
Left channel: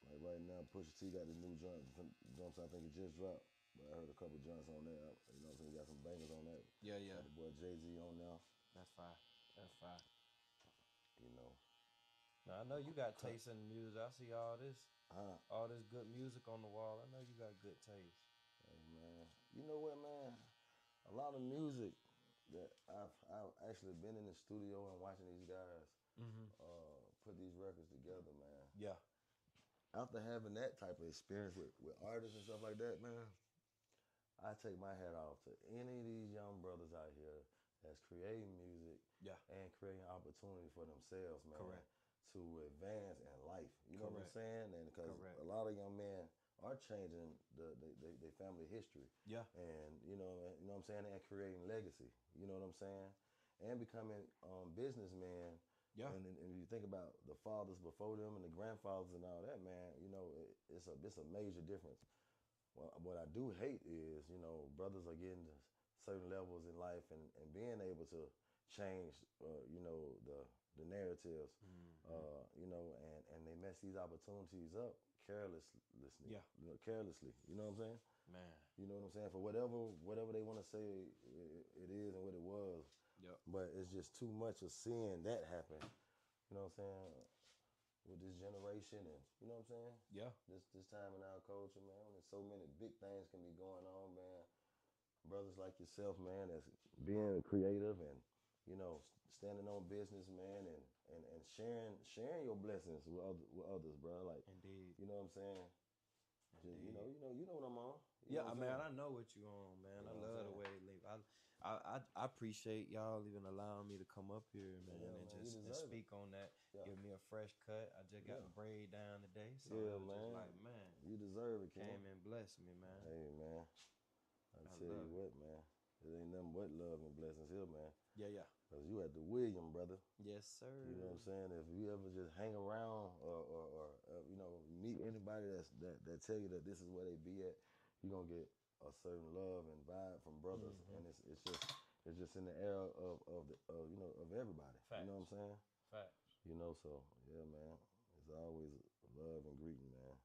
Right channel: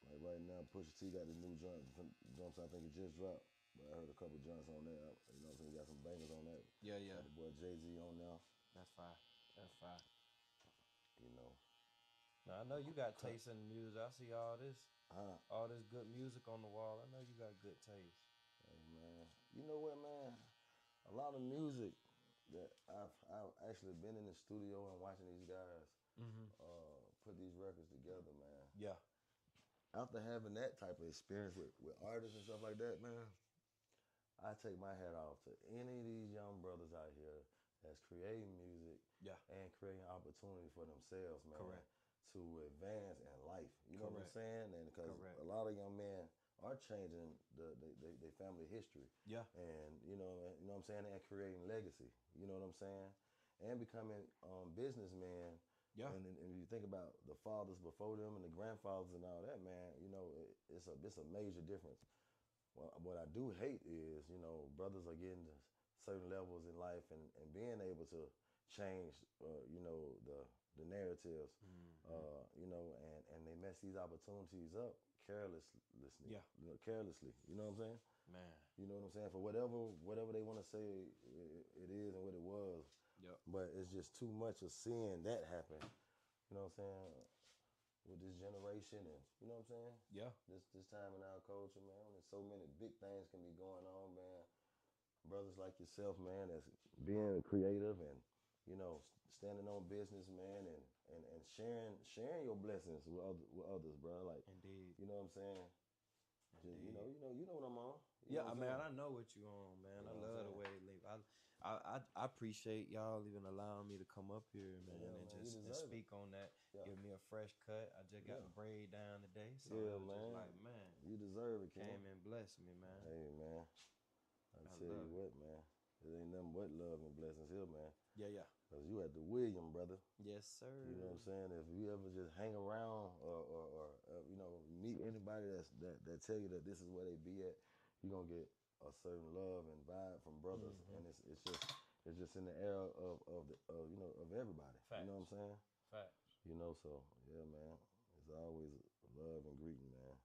like right now, Pusha T got the new jumps I think it just dropped. But I heard a couple joints on there. You know what I'm saying? He got some bangers on that. Yeah, yeah. Got the boy Jay-Z on there. That's fine. That's fine. You know. Now, I know you got taste in the music. I see all this good music on the wall. I know you got good taste. Hey, man. You know what, man? A lot of music that I've actually been in the studio and watching these guys put these records together, man. Yeah. After having that type of experience with artists and stuff like that, man, I take my hat off to any of these young brothers out here that's creating music and creating opportunity for themselves, man. Correct. To advance in life. You know what I'm saying? And because Correct. a lot of young men are changing their family history. Yeah. And you know what I'm saying, and creating legacy. You know what I'm saying? And becoming businessmen. Yeah. And you think about the fathers before them and the grandfathers and all that, man, you know, it's a major difference. Well, what I do hate is, you know, brothers are getting to certain levels in life and being able to change, you know, the narratives, you know, and they mess these opportunities up carelessly. Yeah. You know, carelessly. You know what I'm saying? Man. You know what I'm saying? For whatever they want to say it is and what it was. Yep. But it's just too much of seeing that happen. You know what I'm saying? With this generation and, you know what I'm saying? Yeah. This time in our culture, man, there's so many big things can be going on, man. Brothers like yourself, man, that's being creative and, you know, standing on business, man, and sharing your blessings with others, bro. Like, indeed. You know what I'm saying? Just, you know what I'm on. I know what you on, man. I love the way they live. I appreciate y'all even allowing me to come up here, man, and speak on that. Yeah. Give me a fresh cut. I just got the braid down today, so it was just like, man, you deserve it, Ken. Came and blessed me, man. Hey, man, I tell you what, man, it ain't nothing but love and blessings here, man. Yeah. Cause you at the William, brother. Yes, sir. You know what I'm saying? If you ever just hang around or you know, meet anybody that tell you that this is where they be at, you're gonna get a certain love and vibe from brothers, and it's just in the air of you know, of everybody. Facts. You know what I'm saying? Facts. You know, so yeah, man. It's always love and greeting, man.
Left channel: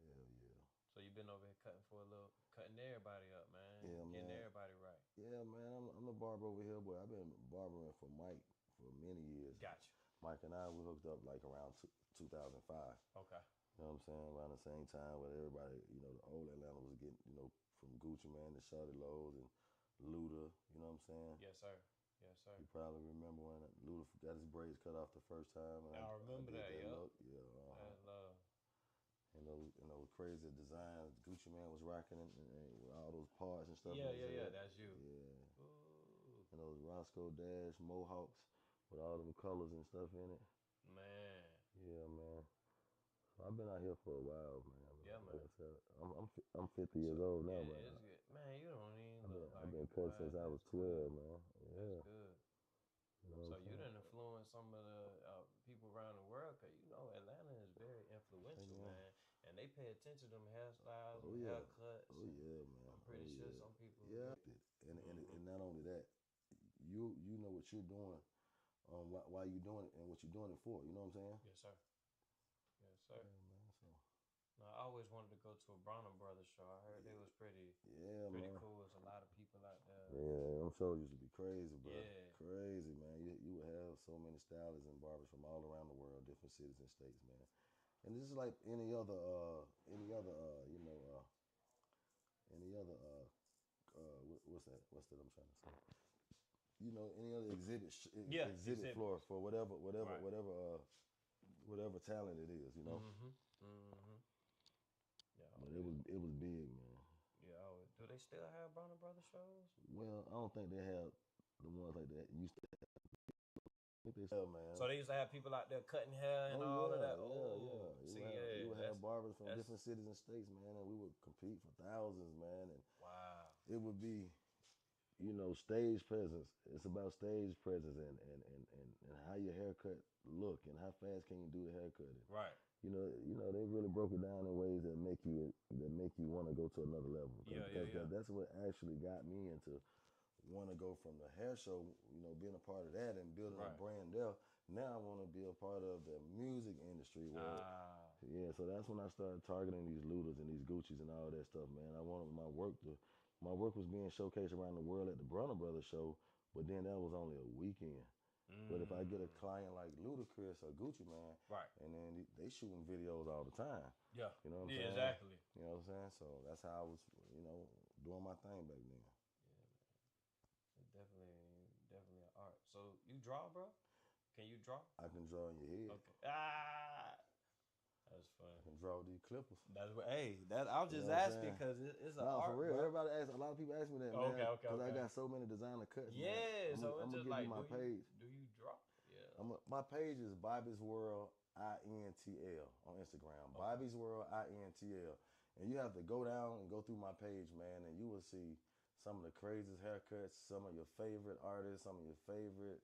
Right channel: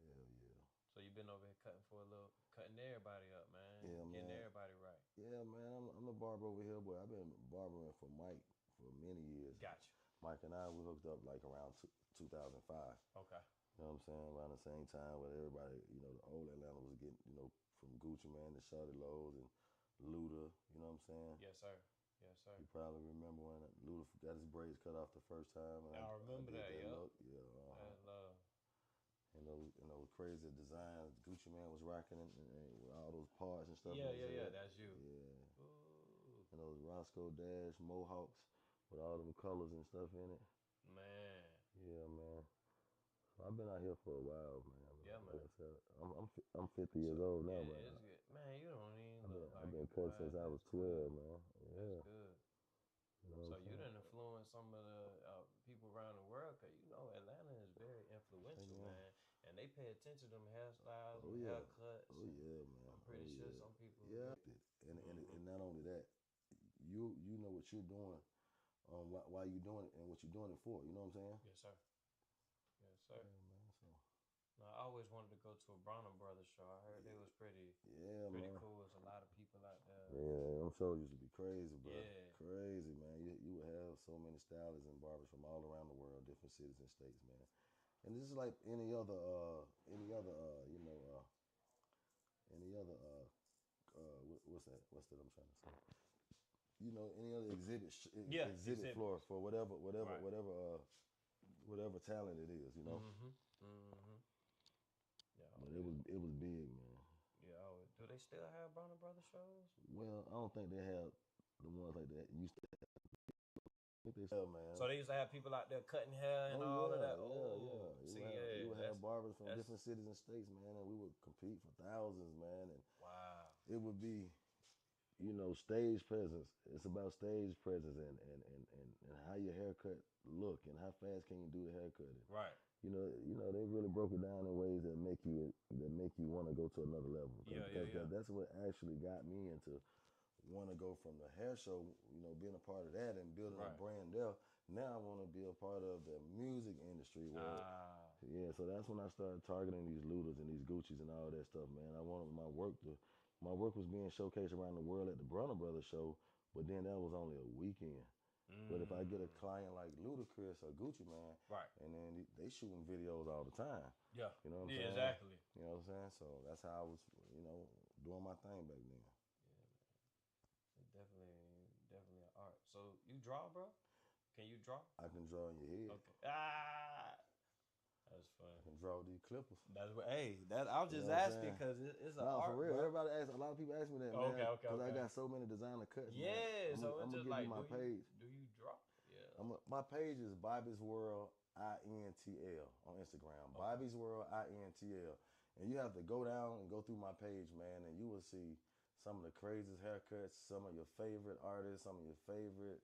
No, I love that, man. Hell yeah. So you been over here cutting everybody up, man. Yeah, Getting man. everybody right. Yeah, man. I'm the barber over here, but I've been barbering for Mike for many years. Gotcha. Mike and I, we hooked up like around 2005. Okay. You know what I'm saying? Around the same time where everybody, you know, the old Atlanta was getting, you know, from Gucci Man to Shawty Lowe's and Luda, you know what I'm saying? Yes, sir. Yes, sir. You probably remember when Luda got his braids cut off the first time. And I remember that, look. Yeah. That love. And those crazy designs Gucci Man was rocking and with all those parts and stuff. Yeah, that's you. Yeah. Ooh. And those Roscoe Dash Mohawks with all them colors and stuff in it. Man. Yeah, man. So I've been out here for a while, man. Yeah, man. Like I said, I'm 50 years old now, yeah, but it's good. Man, you don't even look like I've been it, cut boy. since I was 12, man. Yeah. That's good. You know So you done influenced some of the people around the world, because you know Atlanta is very influential, man. And they pay attention to them hairstyles and haircuts. Oh yeah, man. I'm pretty sure some people. Yeah. And not only that, you know what you're doing, why you doing it and what you're doing it for. You know what I'm saying? Yes, sir. Yes, sir. Yeah, man. So. No, I always wanted to go to a Bronner Brothers show. I heard it was pretty cool. There's a lot of people out there. Yeah, them shows used to be crazy, bro. Yeah. Crazy, man. You would have so many stylists and barbers from all around the world, different cities and states, man. And this is like any other what's that? What's that I'm trying to say? You know, any other exhibit exhibit floor for whatever Right. whatever talent it is, you know. Yeah, But it was big, man. yeah. Do they still have Bronner Brothers shows? Well, I don't think they have the ones like that used to. I think they still, man. So they used to have people out there cutting hair and Oh all of that. yeah. See, We would have barbers from that's- different cities and states, man, and we would compete for thousands, man. And wow. it would be, you know, stage presence. It's about stage presence and how your haircut look and how fast can you do the haircut. And, Right. you know, they really broke it down in ways that make you want to go to another level. Yeah. That's what actually got me into want to go from the hair show, you know, being a part of that and building a brand there. Now I want to be a part of the music industry. Yeah, so that's when I started targeting these Ludas and these Gucci's and all that stuff, man. I wanted my work was being showcased around the world at the Bronner Brothers show, but then that was only a weekend. But if I get a client like Ludacris or Gucci, man, and then they shooting videos all the time. Yeah. You know what I'm saying? Exactly. You know what I'm saying? So that's how I was, you know, doing my thing back then. Definitely an art. So you draw, bro? Can you draw? I can draw in your head. Okay. That's funny. I can draw these clippers. That's what. Hey, I was just asking because it's an art. For real. Bro. Everybody asks. A lot of people ask me that, man. Okay. Because I got so many designer cuts. Yeah. Man. So I'm it's just give like, you my page. Do you draw? Yeah. My page is Bobby's World INTL on Instagram. Okay. Bobby's World INTL, and you have to go down and go through my page, man, and you will see some of the craziest haircuts, some of your favorite artists, some of your favorite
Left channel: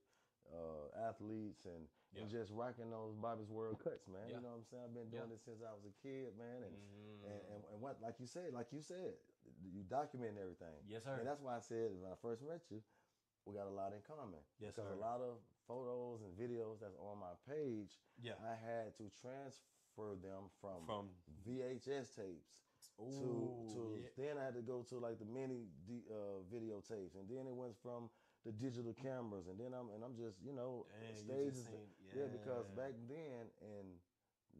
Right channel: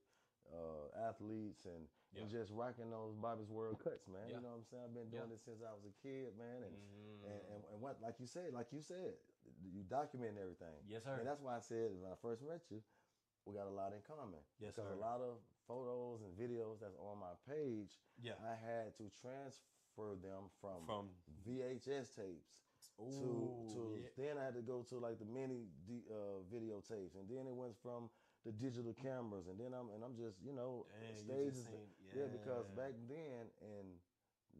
athletes, and just rocking those Bobby's World cuts, man. You know what I'm saying? I've been doing this since I was a kid, man, and what, like you said, you document everything. Yes, sir. And that's why I said when I first met you, we got a lot in common. Yes, because sir. a lot of photos and videos that's on my page, I had to transfer them from VHS tapes then I had to go to like the mini videotapes, and then it went from the digital cameras, and then I'm just, you know, stages. Because back then in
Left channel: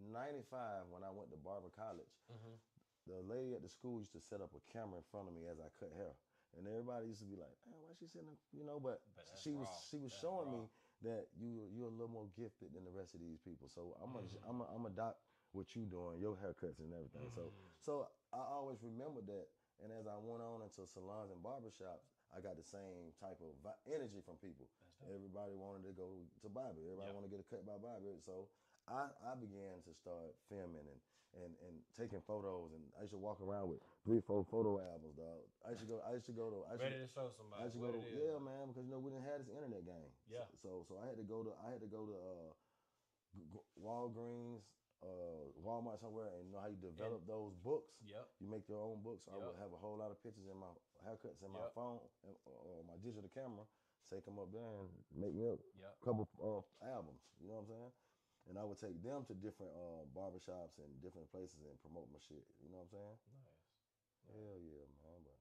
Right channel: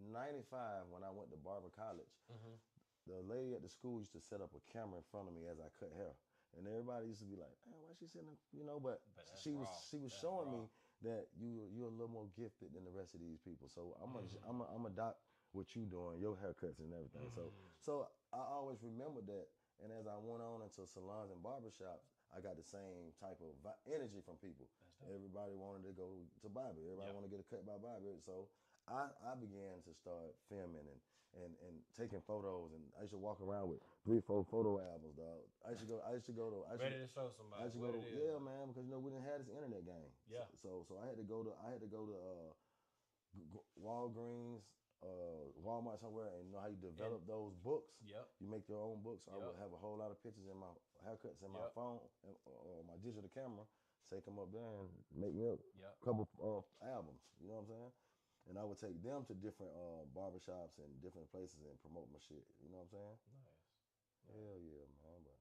'95 when I went to Barber College, the lady at the school used to set up a camera in front of me as I cut hair. And everybody used to be like, "Man, why she sitting?" You know, but she was showing me that you're a little more gifted than the rest of these people. So I'm adopt what you doing, your haircuts and everything. So I always remembered that. And as I went on into salons and barbershops, I got the same type of energy from people. Everybody wanted to go to Bobby. Everybody wanted to get a cut by Bobby. So I began to start filming and taking photos, and I used to walk around with 3-4 photo albums, dog. I used to go to ready to show somebody. Man, because you know we didn't have this internet game. Yeah. So I had to go to Walgreens, Walmart somewhere, and you know how you develop those books. Yep. You make your own books. I would have a whole lot of pictures in my haircuts in my phone or my digital camera. Take them up there and make me a couple of albums. You know what I'm saying? And I would take them to different barbershops and different places and promote my shit. You know what I'm saying? Nice. Hell yeah, man. But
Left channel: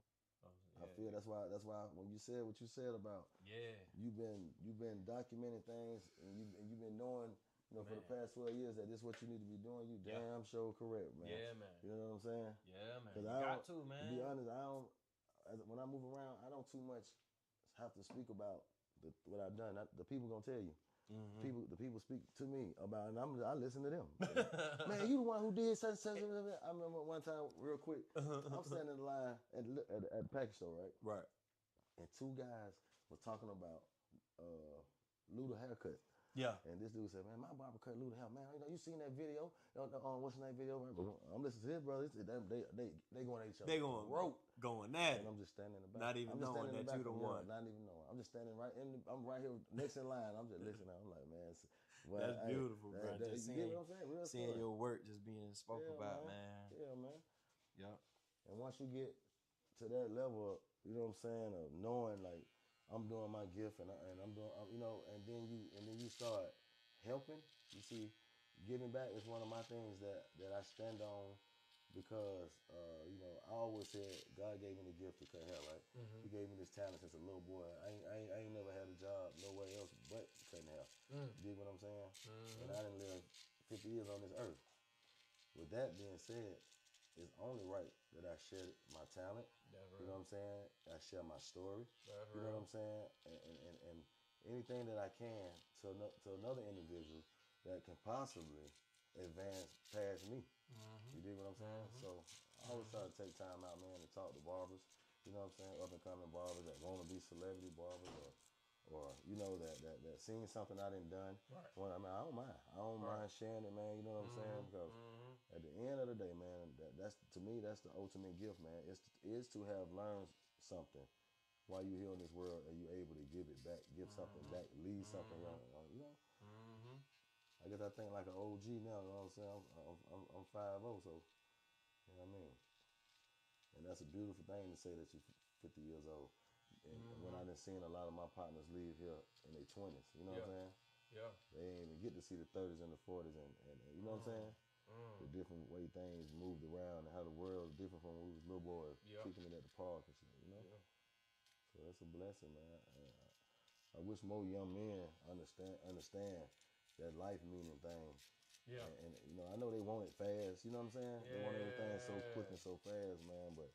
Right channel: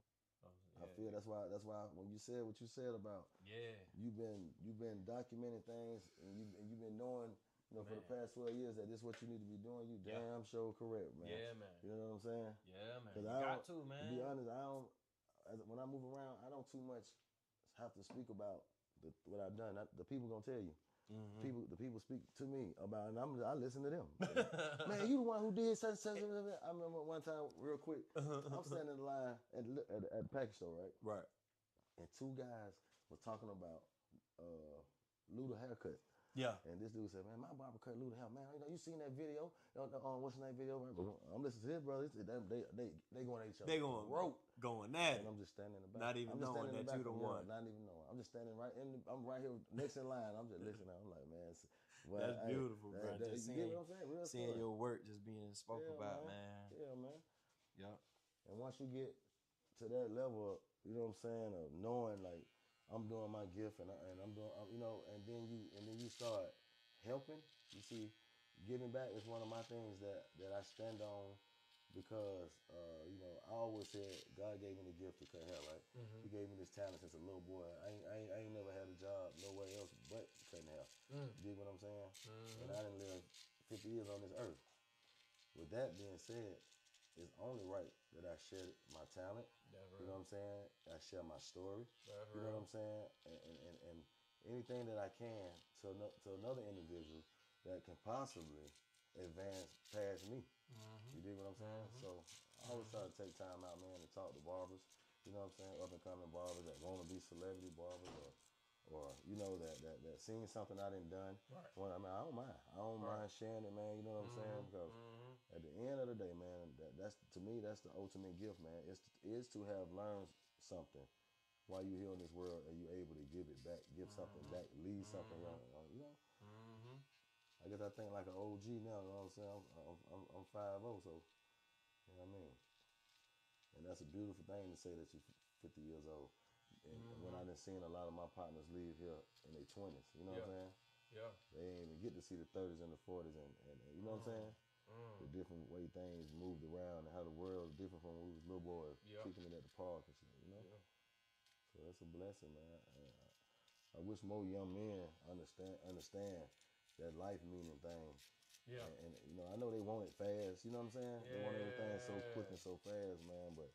I feel that's why when you said what you said about you've been documenting things and you've been knowing, you know, for the past 12 years that this is what you need to be doing. You damn sure correct, man. Yeah, man. You know what I'm saying? Yeah, man. You got to, man. To be honest, when I move around, I don't too much have to speak about what I've done. The people gonna tell you. The people speak to me about, and I listen to them. Man, you the one who did such. I remember one time, real quick, I'm standing in line at the package store, right? Right. And 2 guys were talking about Luda haircut. Yeah. And this dude said, "Man, my barber cut Luda hair. Man, you know, you seen that video? What's the name video? I'm listening to his brother. They going at each other. They going at it. And I'm just standing in the back. Not even knowing that you the one. Not even knowing. I'm just standing I'm right here next in line. I'm just listening. I'm like, man. That's beautiful, bro. Just you get what I'm saying? Real seeing story. your work just being spoke about, man. Yeah, man. Yep. And once you get to that level, you know what I'm saying, of knowing like I'm doing my gift and I'm doing, you know, and then you start helping. You see, giving back is one of my things that I stand on. Because, you know, I always said God gave me the gift to cut hair, right? He gave me this talent since a little boy. I ain't never had a job nowhere else but cutting hair. You dig what I'm saying? And I done lived 50 years on this earth. With that being said, it's only right that I share my talent. You know what what I'm saying? I share my story. You know what I'm saying? And anything that I can to another individual that can possibly advance past me. You dig what I'm saying? So I always try to take time out, man, to talk to barbers. You know what I'm saying? Up and coming barbers that want to be celebrity barbers or you know that seeing something I done done. Right. Well, I mean, I don't mind. I don't mind sharing it, man. You know what I'm saying? Because at the end of the day, man, that's to me that's the ultimate gift, man. Is to have learned something while you're here in this world and you're able to give it back, give something back, leave something around. You know. I guess I think like an OG now. You know what I'm saying? I'm 5'0", so you know what I mean. And that's a beautiful thing to say that you're 50 years old. And when I done seen a lot of my partners leave here in their 20s, you know what I'm saying? Yeah. They ain't even get to see the 30s and the 40s and you know what I'm saying? The different way things moved around and how the world is different from when we was little boys kicking it at the park and shit, you know? Yeah. So that's a blessing, man. I wish more young men understand that life meaning thing. Yeah. And you know, I know they want it fast, you know what I'm saying? Yeah. They want everything so quick and so fast, man, but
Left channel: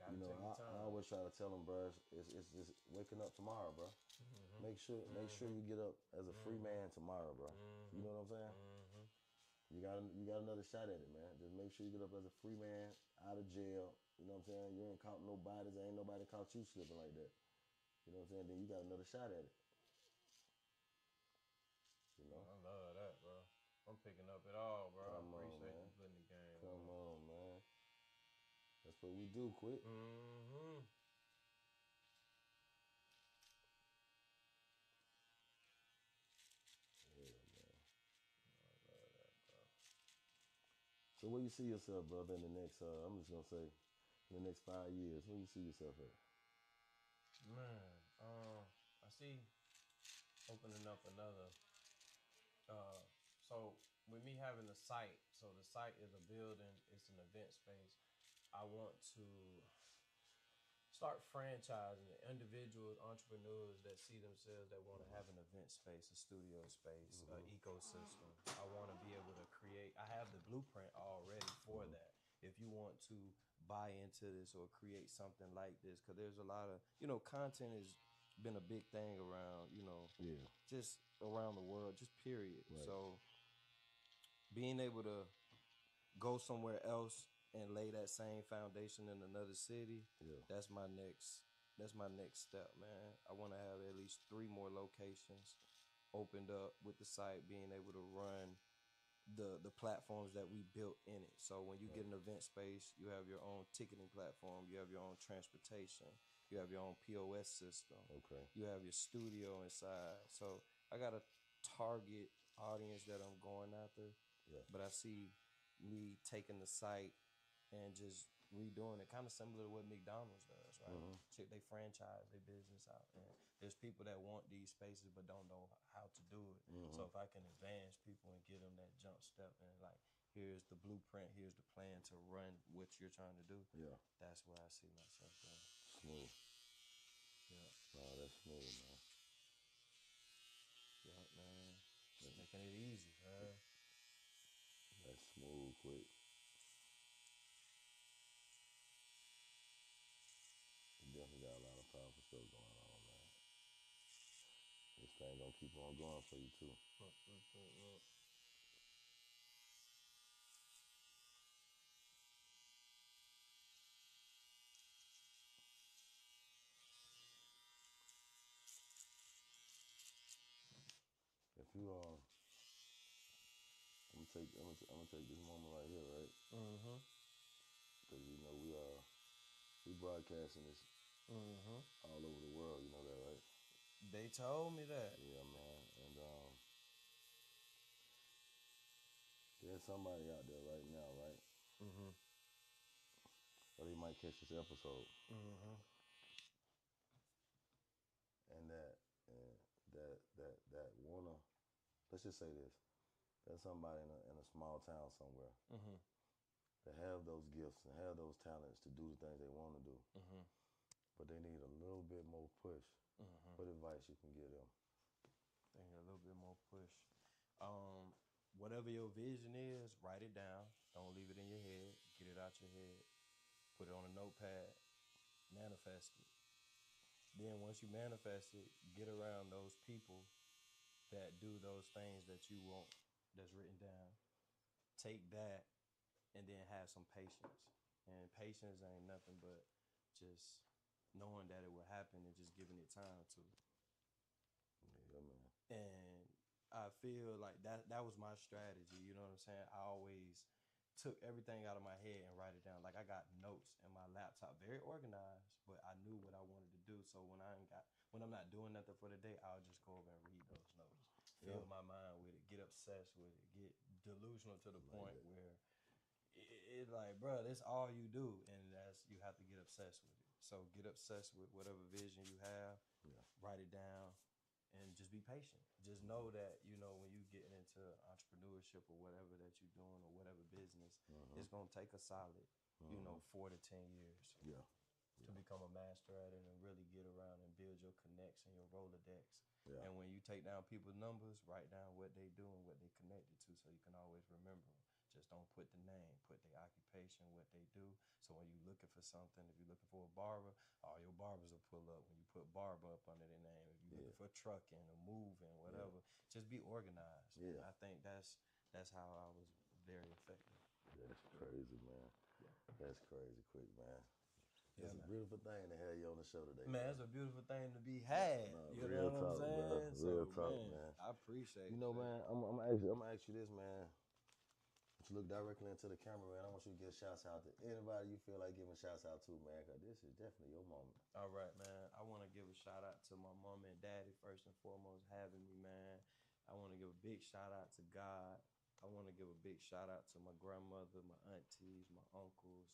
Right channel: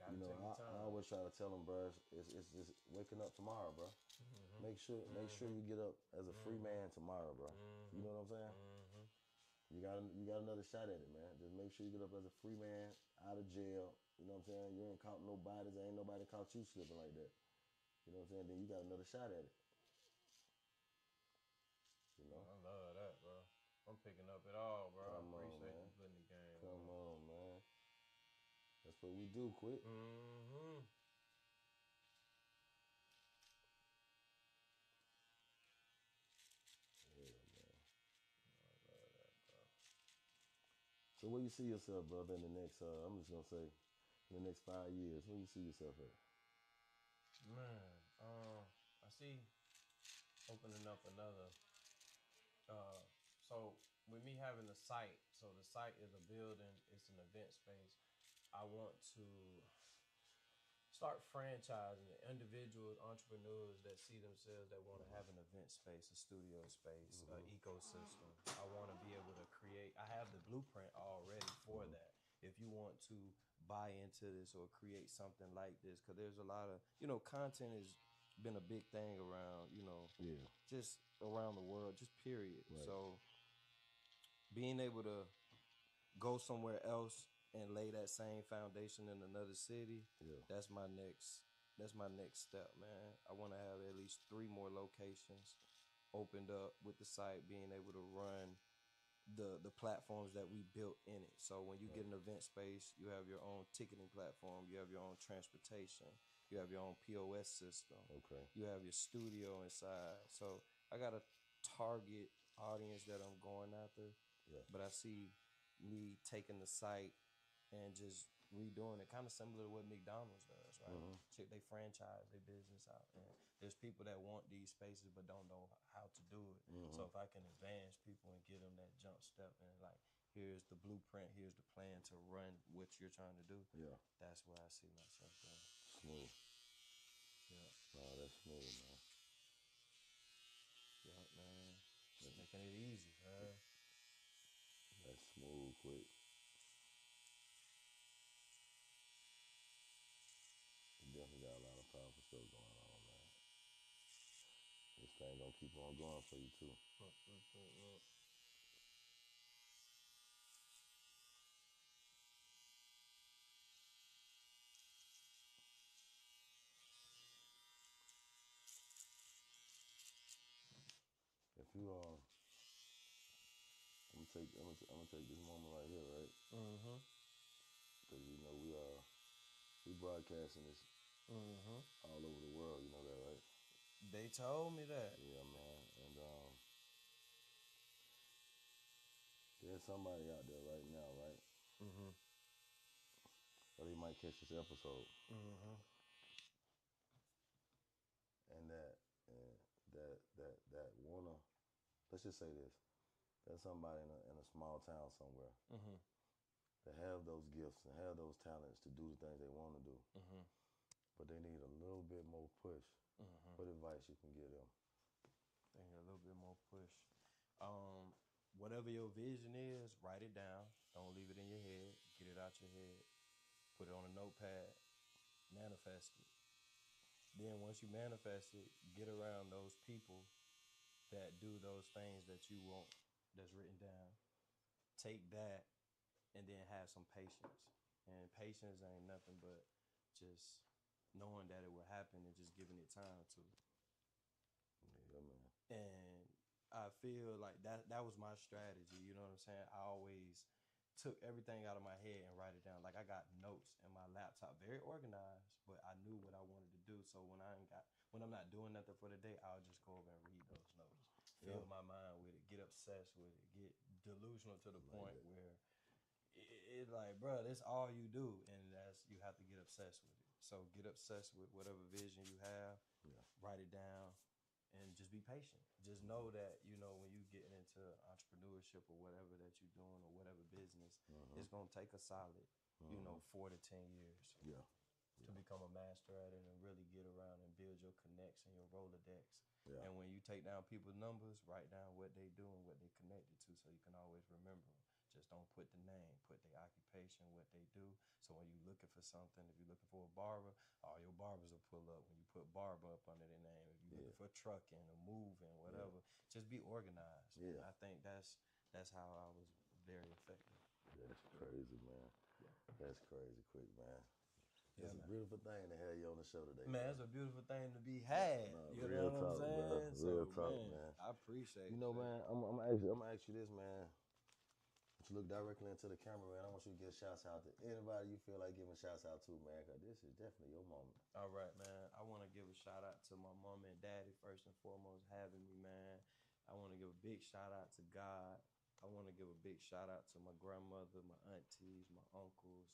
Gotta you know, take your time. I always try to tell them, bro, it's just waking up tomorrow, bro. Make sure you get up as a free man tomorrow, bro. You know what I'm saying? You got another shot at it, man. Just make sure you get up as a free man, out of jail. You know what I'm saying? You ain't caught no bodies. Ain't nobody caught you slipping like that. You know what I'm saying? Then you got another shot at it. You know? I love that, bro. I'm picking up it all, bro. Come I appreciate on, man. you putting the game. Come on, man. That's what we do, quick. Yeah, man. I love that, bro. So where you see yourself, brother, in the next, I'm just going to say, in the next 5 years, where you see yourself at? Man, I see opening up another. So with me having the site, so the site is a building, it's an event space. I want to start franchising individuals, entrepreneurs that see themselves that want to have an event space, a studio space, an ecosystem. I want to be able to create. I have the blueprint already for that. If you want to buy into this or create something like this, because there's a lot of, content has been a big thing around, just around the world, just period. Right. So being able to go somewhere else and lay that same foundation in another city, that's my next step, man. I want to have at least 3 more locations opened up with the site, being able to run the platforms that we built in it. So when you get an event space, you have your own ticketing platform, you have your own transportation, you have your own POS system. Okay. You have your studio inside. So I got a target audience that I'm going after. Yeah. But I see me taking the site and just redoing it, kind of similar to what McDonald's does, right? They franchise their business out, and there's people that want these spaces but don't know how to do it. So if I can advance people and give them that jump step and like, here's the blueprint, here's the plan to run what you're trying to do. Yeah. That's where I see myself going. Smooth. Yeah. Oh, that's smooth, man. Yeah, man. Just making it easy, man. That's smooth, quick. You definitely got a lot of powerful stuff going on, man. This thing gonna keep on going for you, too. If you, I'm gonna take this moment right here, right? Because, we broadcasting this all over the world, you know that, right? They told me that. Yeah, man. And there's somebody out there right now, right? Or they might catch this episode. And that wanna, let's just say this. There's somebody in a small town somewhere that have those gifts and have those talents to do the things they want to do. But they need a little bit more push. What advice you can give them? They need a little bit more push. Whatever your vision is, write it down. Don't leave it in your head. Get it out your head. Put it on a notepad. manifest it. Then once you manifest it, get around those people that do those things that you want that's written down. Take that and then have some patience. And patience ain't nothing but just knowing that it will happen and just giving it time to. Yeah, man. And I feel like that was my strategy, you know what I'm saying? I always took everything out of my head and write it down. Like I got notes in my laptop, very organized, but I knew what I wanted to do. So when I'm not doing nothing for the day, I'll just go over and read those notes. Fill my mind with it, get obsessed with it, get delusional to the point where it's like, bro, that's all you do, and you have to get obsessed with it. So get obsessed with whatever vision you have, write it down, and just be patient. Just know that, you know, when you get into entrepreneurship or whatever that you're doing or whatever business, it's going to take a solid, 4 to 10 years to become a master at it and really get around and build your connects and your Rolodex. Yeah. And when you take down people's numbers, write down what they do and what they connected to so you can always remember them. Just don't put the name, put their occupation, what they do. So when you're looking for something, if you're looking for a barber, all your barbers will pull up when you put barber up under their name. If you're looking for trucking or moving, whatever, just be organized. Yeah. I think that's how I was very effective. That's crazy, man. Yeah. That's crazy quick, man. It's a beautiful thing to have you on the show today. Man, it's a beautiful thing to be had. You know what I'm saying? Real talk, man. I appreciate it. You know, man, I'm gonna ask you this, man. To look directly into the camera, man, I want you to give shouts out to anybody you feel like giving shouts out to, man, because this is definitely your moment. All right, man. I want to give a shout out to my mom and daddy, first and foremost, having me, man. I want to give a big shout out to God. I want to give a big shout out to my grandmother, my aunties, my uncles,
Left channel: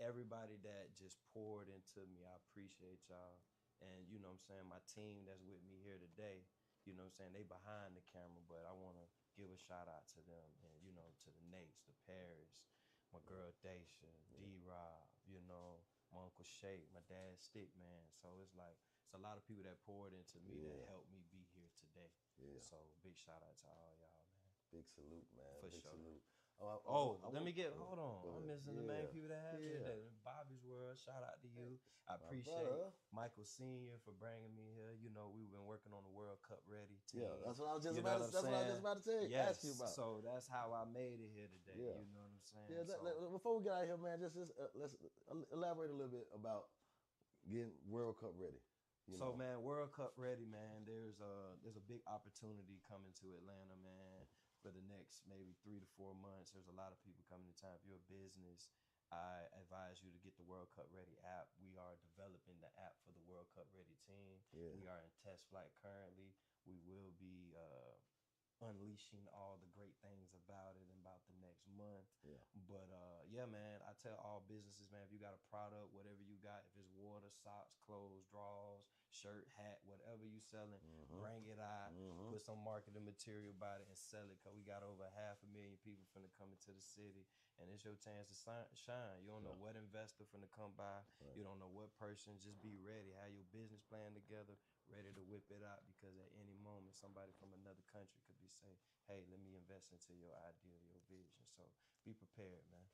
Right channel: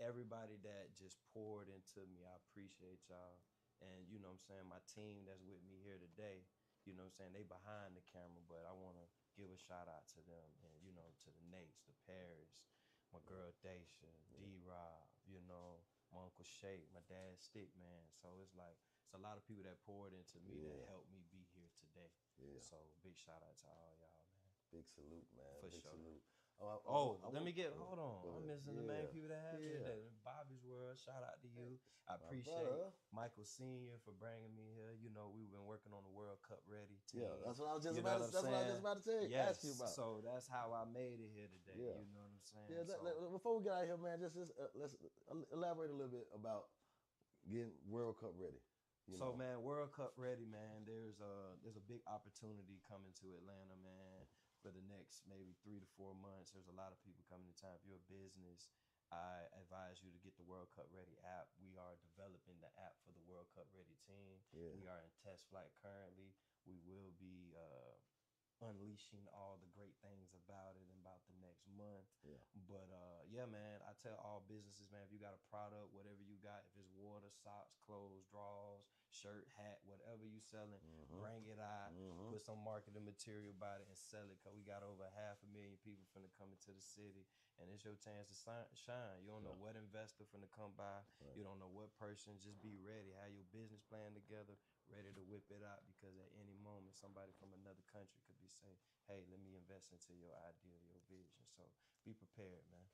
everybody that just poured into me. I appreciate y'all. And, you know what I'm saying, my team that's with me here today, you know what I'm saying, they behind the camera, but I want to give a shout out to them and, you know, to the Nates, the Paris, my girl Daisha, D-Rob, you know, my Uncle Shake, my dad Stick, man. So it's like, it's a lot of people that poured into me that helped me be here today. Yeah. So big shout out to all y'all, man. Big salute, man. For big sure. Salute. Hold on. I'm missing the main people that have me today. Bobby's World, shout out to you. I appreciate Michael Sr. for bringing me here. You know, we've been working on the World Cup ready team. Yeah, that's what I was just about to say. Yes. Ask you about. So that's how I made it here today. Yeah. You know what I'm saying? Yeah, before we get out of here, man, just let's elaborate a little bit about getting World Cup ready. So, man, World Cup ready, man. There's a big opportunity coming to Atlanta, man. For the next maybe 3 to 4 months, there's a lot of people coming to town. If you're a business, I advise you to get the World Cup Ready app. We are developing the app for the World Cup Ready team. Yeah. We are in test flight currently. We will be unleashing all the great things about it in about the next month. Yeah. But yeah, man, I tell all businesses, man, if you got a product, whatever you got, if it's water, socks, clothes, drawers, shirt, hat, whatever you selling, bring it out, put some marketing material about it and sell it, because we got over 500,000 people finna come into the city, and it's your chance to shine. You don't know what investor finna come by. Right. You don't know what person. Just be ready. Have your business plan together, ready to whip it out, because at any moment somebody from another country could be saying, hey, let me invest into your idea, your vision. So be prepared, man.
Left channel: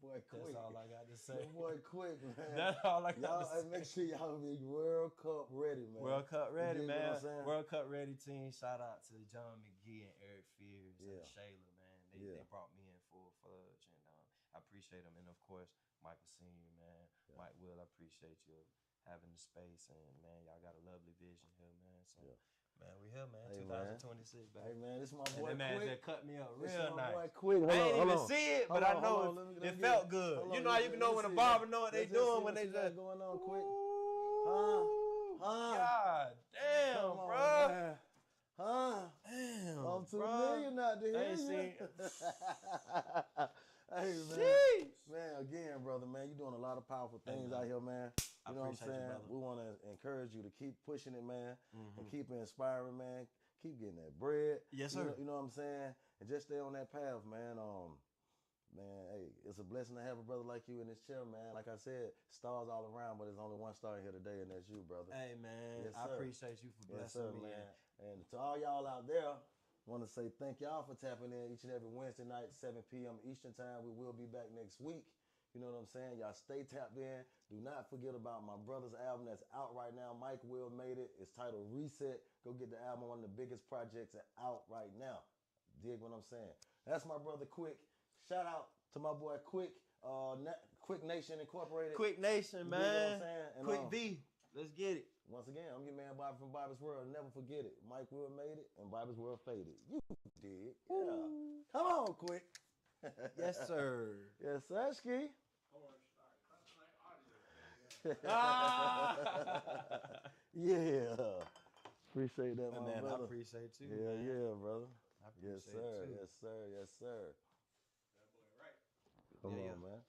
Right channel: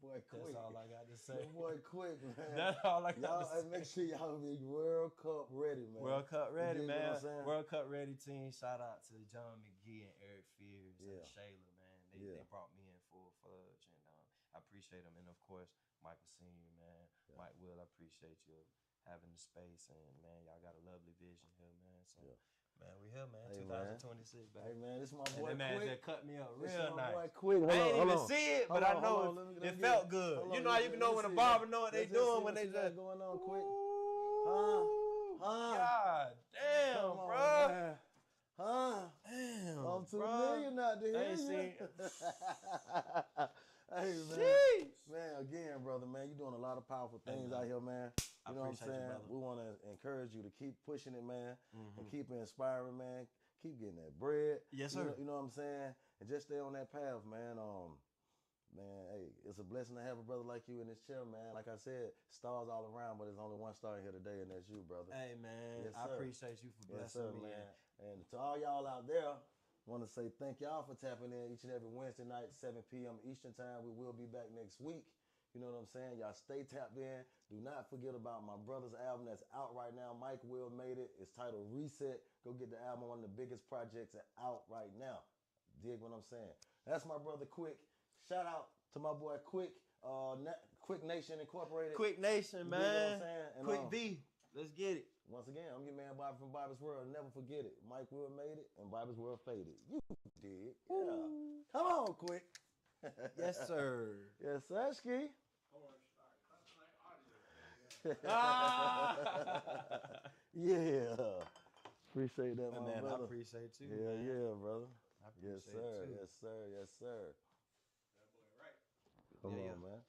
Boy, quick. That's all I got to say. Boy, quick, man. That's all I got to say. Make sure y'all be World Cup ready, man. World Cup ready, man. World Cup ready team. Shout out to John McGee and Eric Fears and Shayla, man. They brought me in full fudge, and I appreciate them. And of course, Michael Sr., man. Yeah. Mike Will, I appreciate you having the space, and man, y'all got a lovely vision here, man. So, man, we here, man. Hey, 2026, baby. Hey, man, this is my boy. And that man Quick. just cut me up real nice. Boy, Quick. I ain't even see it, but I know it felt good. You know how you can know when a barber know what they doing when they just going on, Quick. God damn, bro. Damn, I'm $2 million out there. Hey, man. Jeez. Man, again, brother, man, you're doing a lot of powerful things out here, man. You know what I'm saying? We want to encourage you to keep pushing it, man, and keep inspiring, man. Keep getting that bread. Yes, sir. You know what I'm saying? And just stay on that path, man. Man, hey, it's a blessing to have a brother like you in this chair, man. Like I said, stars all around, but there's only one star here today, and that's you, brother. Hey, man, I appreciate you for blessing me, man. And to all y'all out there, want to say thank y'all for tapping in each and every Wednesday night, 7 p.m. Eastern time. We will be back next week. You know what I'm saying? Y'all stay tapped in. Do not forget about my brother's album that's out right now. Mike Will made it. It's titled Reset. Go get the album, one of the biggest projects out right now. Dig what I'm saying? That's my brother Quick. Shout out to my boy Quick. Quick Nation Incorporated. Quick Nation, man. You know what I'm saying? And, Quick V. Let's get it. Once again, I'm your man Bobby from Bobby's World. Never forget it. Mike Will made it, and Bobby's World faded. You did. Yeah. Ooh. Come on, Quick. Yes, sir. Yes, sir, Ski. Yeah. Appreciate that, my man, brother. I appreciate you. Yeah, man. yeah, brother. I appreciate Yes, sir. too. Yes, sir. Yes, sir. That boy right. Come Yeah, on, man.